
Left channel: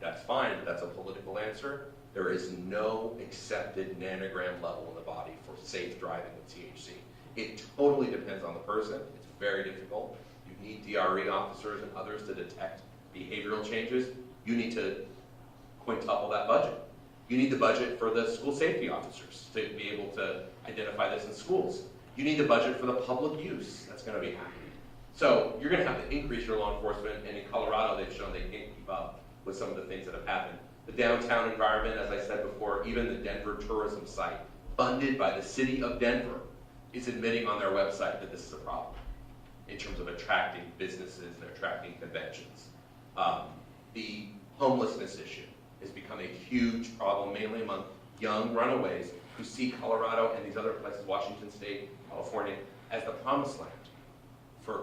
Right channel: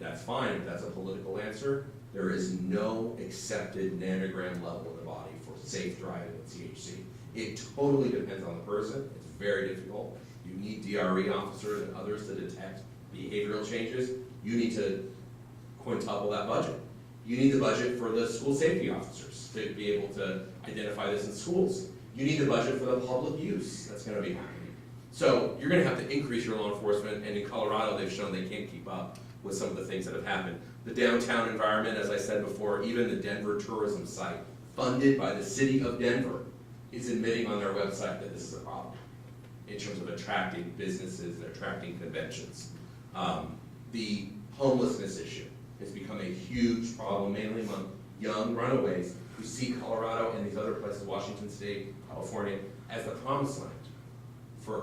that's fine, but that's a political answer. There is no accepted nanogram level in the body for safe driving with THC. It totally depends on the person. It's very difficult. You need DRE officers and others to detect behavioral changes. You need to quintuple that budget. You need the budget for the school safety officers to be able to identify this in schools. You need the budget for the public use that's going to be happening. So you're going to have to increase your law enforcement, and in Colorado they've shown they can't keep up with some of the things that have happened. The downtown environment, as I said before, even the Denver tourism site, funded by the city of Denver, is admitting on their website that this is a problem in terms of attracting businesses and attracting conventions. The homelessness issue has become a huge problem, mainly among young runaways who see Colorado and these other places, Washington State, California, as the promised land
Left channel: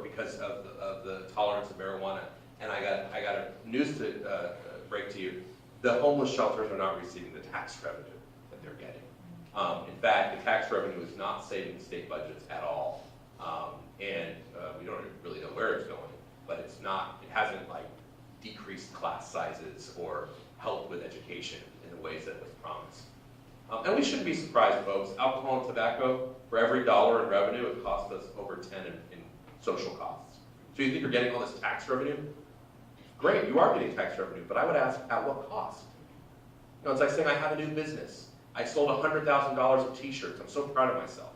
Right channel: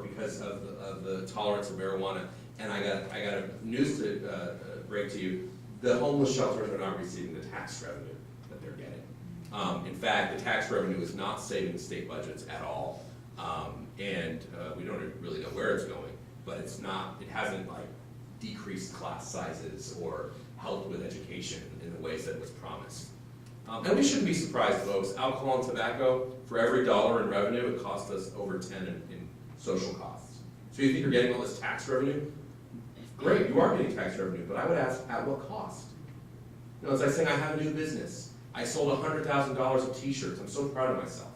because of the tolerance of marijuana. And I got a news to break to you. The homeless shelters are not receiving the tax revenue that they're getting. In fact, the tax revenue is not saving state budgets at all. We don't really know where it's going, but it hasn't like decreased class sizes or helped with education in the ways that it was promised. And we shouldn't be surprised, folks. Alcohol and tobacco, for every dollar in revenue, it costs us over 10 in social costs. So you think you're getting all this tax revenue? Great, you are getting tax revenue, but I would ask, at what cost? You know, it's like saying I have a new business. I sold $100,000 of t-shirts. I'm so proud of myself.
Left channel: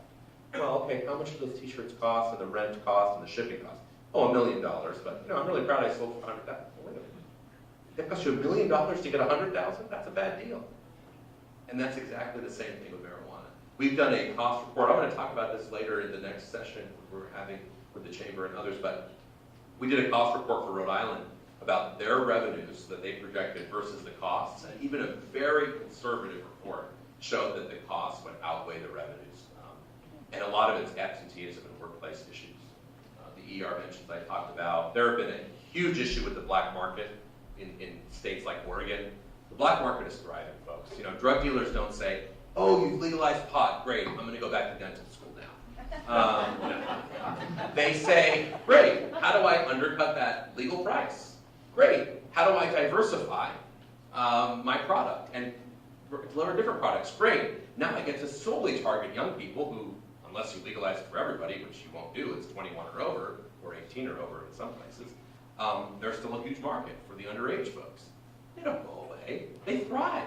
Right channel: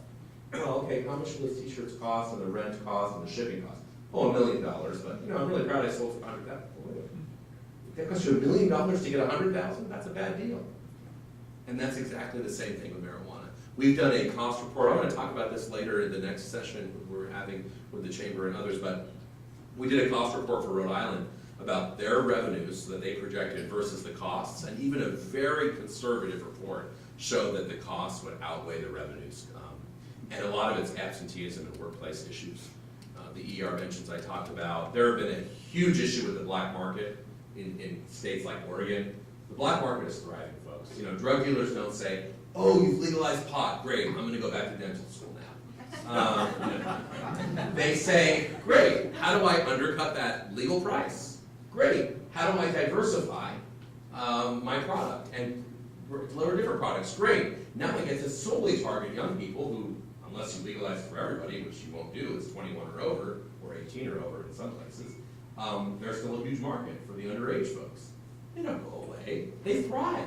Well, okay, how much do those t-shirts cost, and the rent cost, and the shipping cost? Oh, $1 million, but you know, I'm really proud I sold for $100,000. That cost you $1 million to get $100,000? That's a bad deal. And that's exactly the same thing with marijuana. We've done a cost report. I'm going to talk about this later in the next session we're having with the chamber and others, but we did a cost report for Rhode Island about their revenues that they projected versus the costs, and even a very conservative report showed that the costs would outweigh the revenues. And a lot of it's absenteeism and workplace issues. The ER mentions I talked about. There have been a huge issue with the black market in states like Oregon. The black market is thriving, folks. You know, drug dealers don't say, oh, you've legalized pot, great, I'm gonna go back to dental school now. They say, great, how do I undercut that legal price? Great, how do I diversify my product and deliver different products? Great, now I get to solely target young people who, unless you legalize it for everybody, which you won't do, it's 21 or over, or 18 or over in some places, there's still a huge market for the underage folks. They don't go away, they thrive.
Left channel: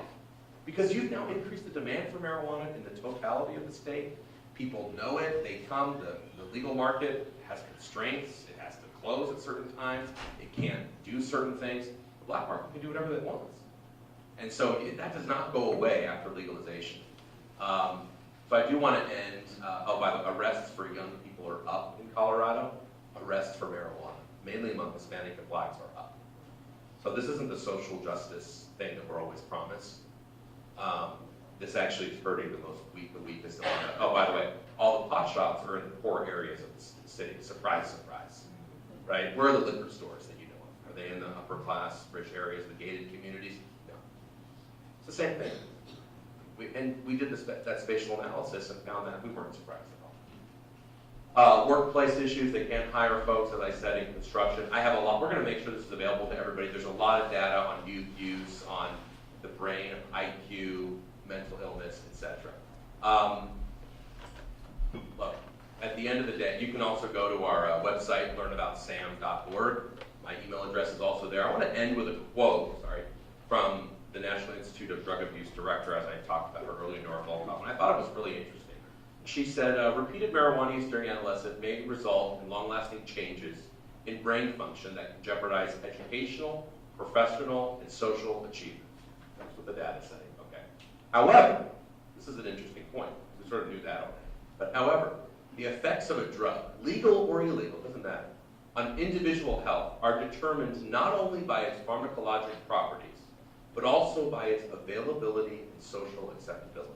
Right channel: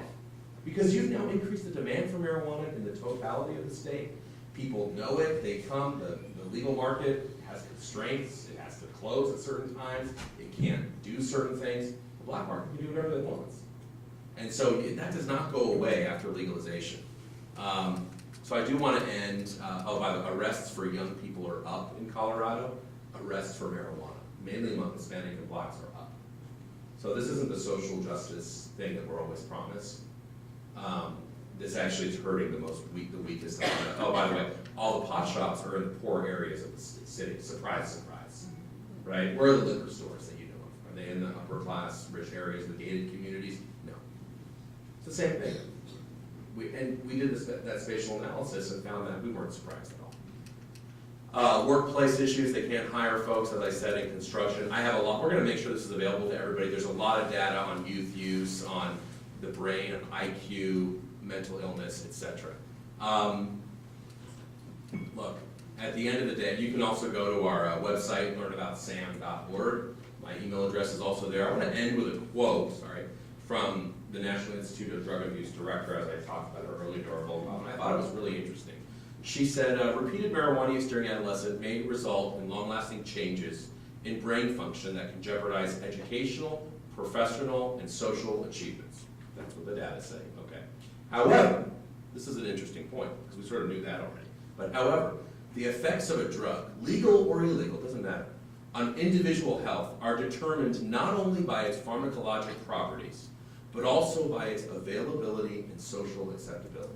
Because you've now increased the demand for marijuana in the totality of the state. People know it, they come, the legal market has constraints, it has to close at certain times, it can't do certain things. The black market can do whatever it wants. And so that does not go away after legalization. So I do want to end, by the arrests for young people are up in Colorado. Arrests for marijuana, mainly among Hispanic and blacks, are up. So this isn't the social justice thing that we're always promised. This actually is hurting the weakest among them. Oh, by the way, all the pot shops are in poor areas of the city. Surprise, surprise. Right? Where are the liquor stores that you know of? Are they in the upper class, rich areas, the gated communities? No. It's the same thing. We did that spatial analysis and found that we weren't surprised at all. Workplace issues, they can't hire folks, as I said, in construction. I have a lot, we're going to make sure this is available to everybody. There's a lot of data on youth use, on the brain, IQ, mental illness, etc. Look, at the end of the day, you can also go to our website, learnaboutsam.org. My email address is also there. I want to end with a quote, from the National Institute of Drug Abuse Director, as I talked about her earlier during our and I thought it was really interesting. She said, repeated marijuana use during adolescence may result in long-lasting changes in brain function that can jeopardize educational, professional, and social achievements. That's what the data say, okay. However, this is an interesting point, because we sort of knew that already. But however, the effects of a drug, legal or illegal, doesn't matter, on individual health are determined not only by its pharmacologic properties, but also by its availability and social acceptability.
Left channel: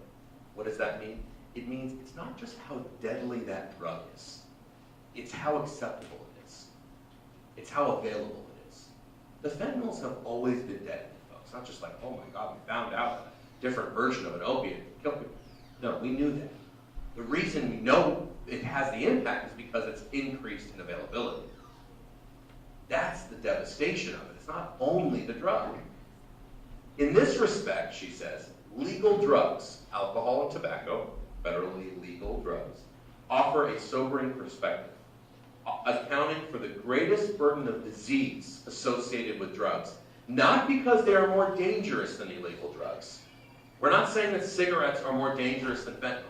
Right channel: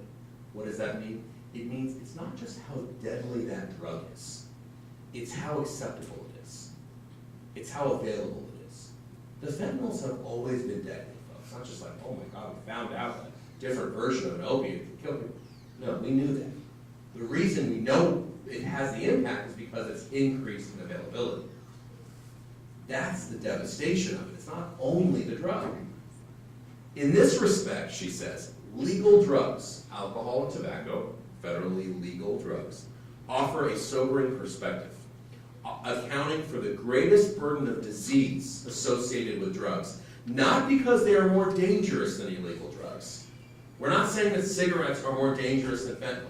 What does that mean? It means it's not just how deadly that drug is, it's how acceptable it is. It's how available it is. The fentanyls have always been deadly. It's not just like, oh my God, we found out a different version of an opiate can kill people. No, we knew that. The reason we know it has the impact is because it's increased in availability. That's the devastation of it. It's not only the drug. In this respect, she says, legal drugs, alcohol and tobacco, federally legal drugs, offer a sobering perspective, accounting for the greatest burden of disease associated with drugs. Not because they are more dangerous than illegal drugs. We're not saying that cigarettes are more dangerous than fentanyl.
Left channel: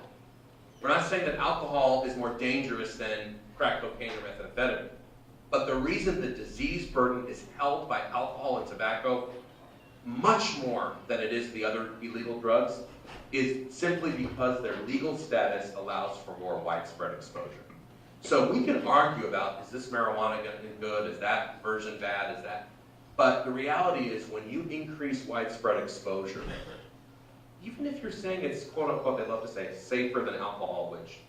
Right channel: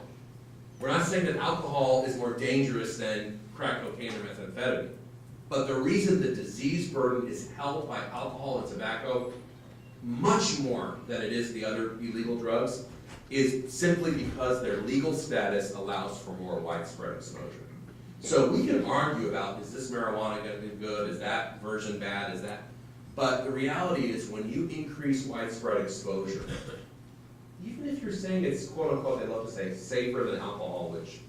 We're not saying that alcohol is more dangerous than crack cocaine or methamphetamine. But the reason the disease burden is held by alcohol and tobacco much more than it is the other illegal drugs is simply because their legal status allows for more widespread exposure. So we can argue about, is this marijuana going to be good? Is that version bad? Is that? But the reality is when you increase widespread exposure, even if you're saying it's quote unquote, they love to say safer than alcohol, which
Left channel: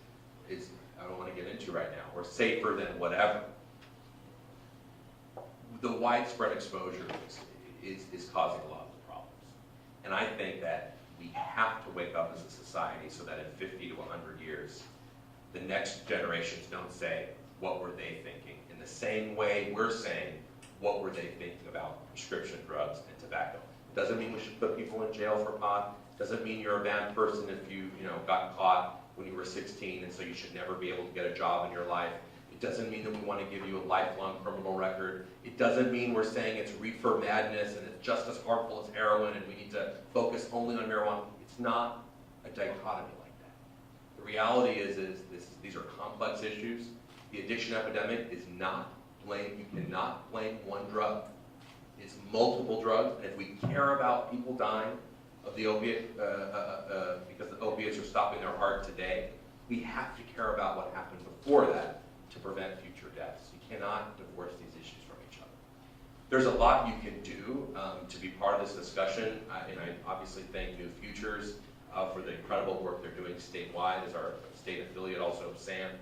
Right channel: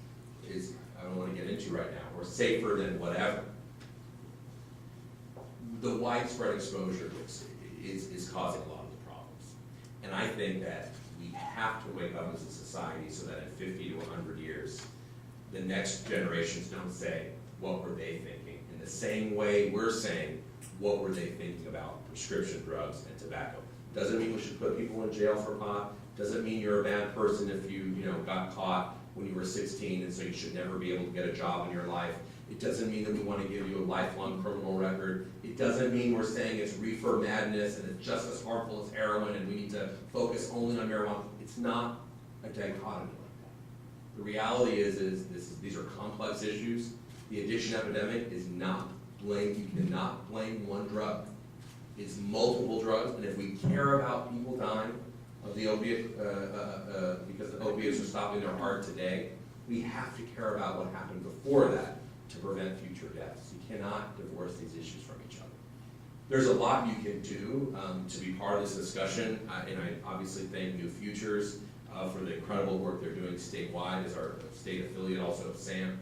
is, I don't want to get into right now, or safer than whatever, the widespread exposure is causing a lot of the problems. And I think that we we have to wake up as a society so that in 50 to 100 years, the next generations don't say, what were they thinking? In the same way we're saying, what were they thinking about prescription drugs and tobacco? Doesn't mean we should put people in jail for pot. Doesn't mean you're a bad person if you got caught when you were 16 and so you should never be able to get a job in your life. It doesn't mean that we want to give you a lifelong criminal record. It doesn't mean we're saying it's reefer madness and it's just as harmful as heroin and we need to focus only on marijuana. It's not a dichotomy like that. The reality is these are complex issues. The addiction epidemic is not blamed. You cannot blame one drug. It's multiple drugs, and if we care about people dying of the opiate, because the opiates are stopping their heart today, we have to care about what happened before that to prevent future deaths. You cannot divorce these issues from each other. There's a lot you can do to be part of this discussion, and I obviously thank New Futures for the incredible work they're doing statewide as our state affiliate also of SAM.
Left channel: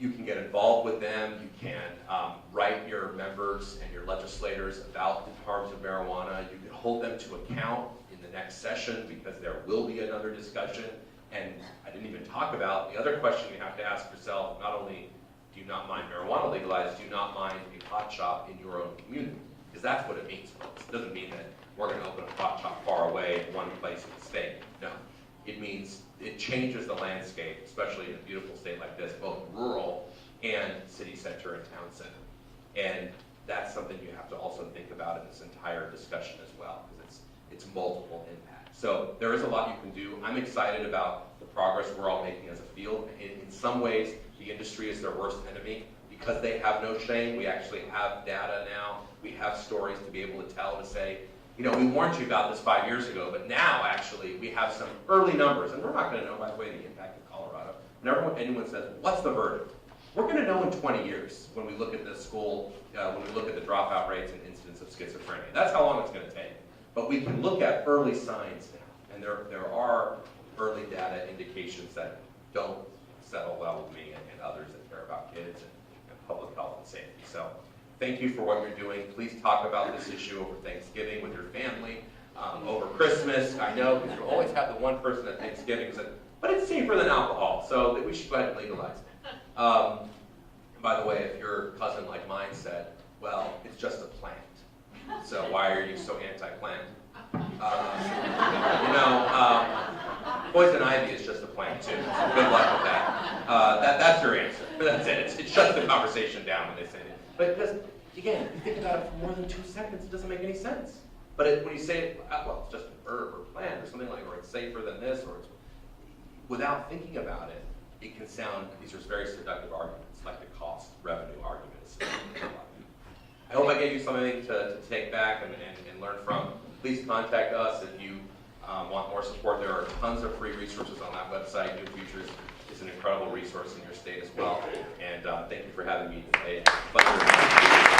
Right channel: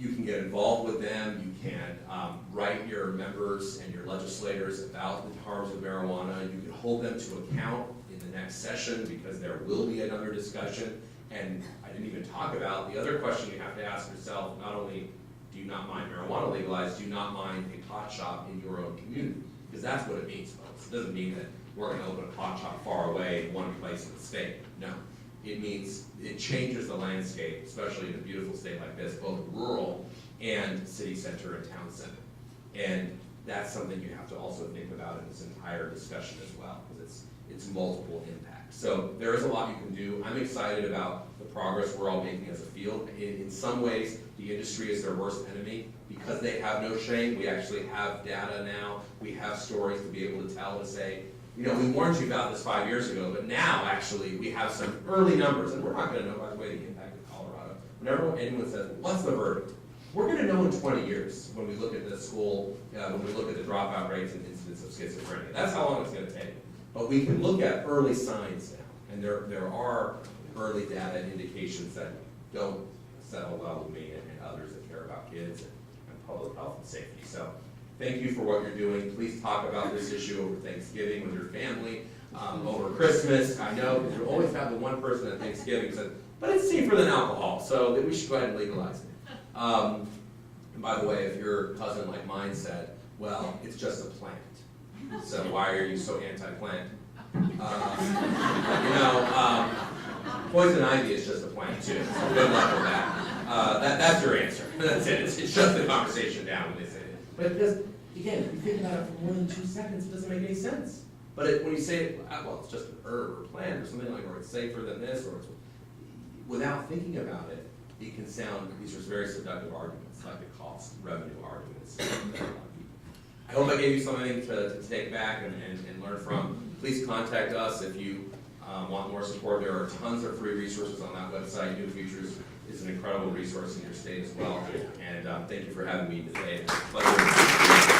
You can get involved with them. You can write your members and your legislators about the harms of marijuana. You can hold them to account in the next session because there will be another discussion. And I didn't even talk about the other question you have to ask yourself, not only do you not mind marijuana legalized, do you not mind a pot shop in your own community? Because that's what it means, folks. It doesn't mean that we're going to open a pot shop far away in one place in the state. No. It means it changes the landscape, especially in a beautiful state like this, both rural and city center and town center. And that's something you have to also think about in this entire discussion as well, because it's multiple impacts. So there is a lot you can do. I'm excited about the progress we're all making as a field. In some ways, the industry is their worst enemy because they have no shame. We actually have data now. We have stories to be able to tell, to say, we warned you about this 5 years ago, but now actually we have some early numbers, and we're not going to know, by the way, the impact of Colorado. Whenever anyone says, what's the verdict? We're going to know in 20 years when we look at the school, when we look at the dropout rates and incidence of schizophrenia. That's how long it's going to take. But we can look at early signs now, and there are early data indications that don't settle well with me and others that care about kids and public health and safety. So thank you for what you're doing. Please talk about this issue over Thanksgiving with your family, over Christmas. I know because you always have the one person at Thanksgiving who says, but it's safer than alcohol, so that we should go ahead and legalize it. And by the way, if your cousin like mine said, well, it's just a plant, so why are you so anti-plant? Poison ivy is just a plant too, so good luck with that. That's your answer. That's it. It shuts the conversation down when they say it. But because, again, if you think about it for more than 2 seconds, it doesn't make any sense. But when you say, well, it's just an herb or plant or something like, or it's safer than this, or it's, without thinking about it, it can sound, these are very seductive arguments, like the cost, revenue arguments. I hope I gave you something to take back and learn from. Please contact us if you want more support. There are tons of free resources on that website. New Futures is an incredible resource in your state as well. And thank you for having me today. Pleasure.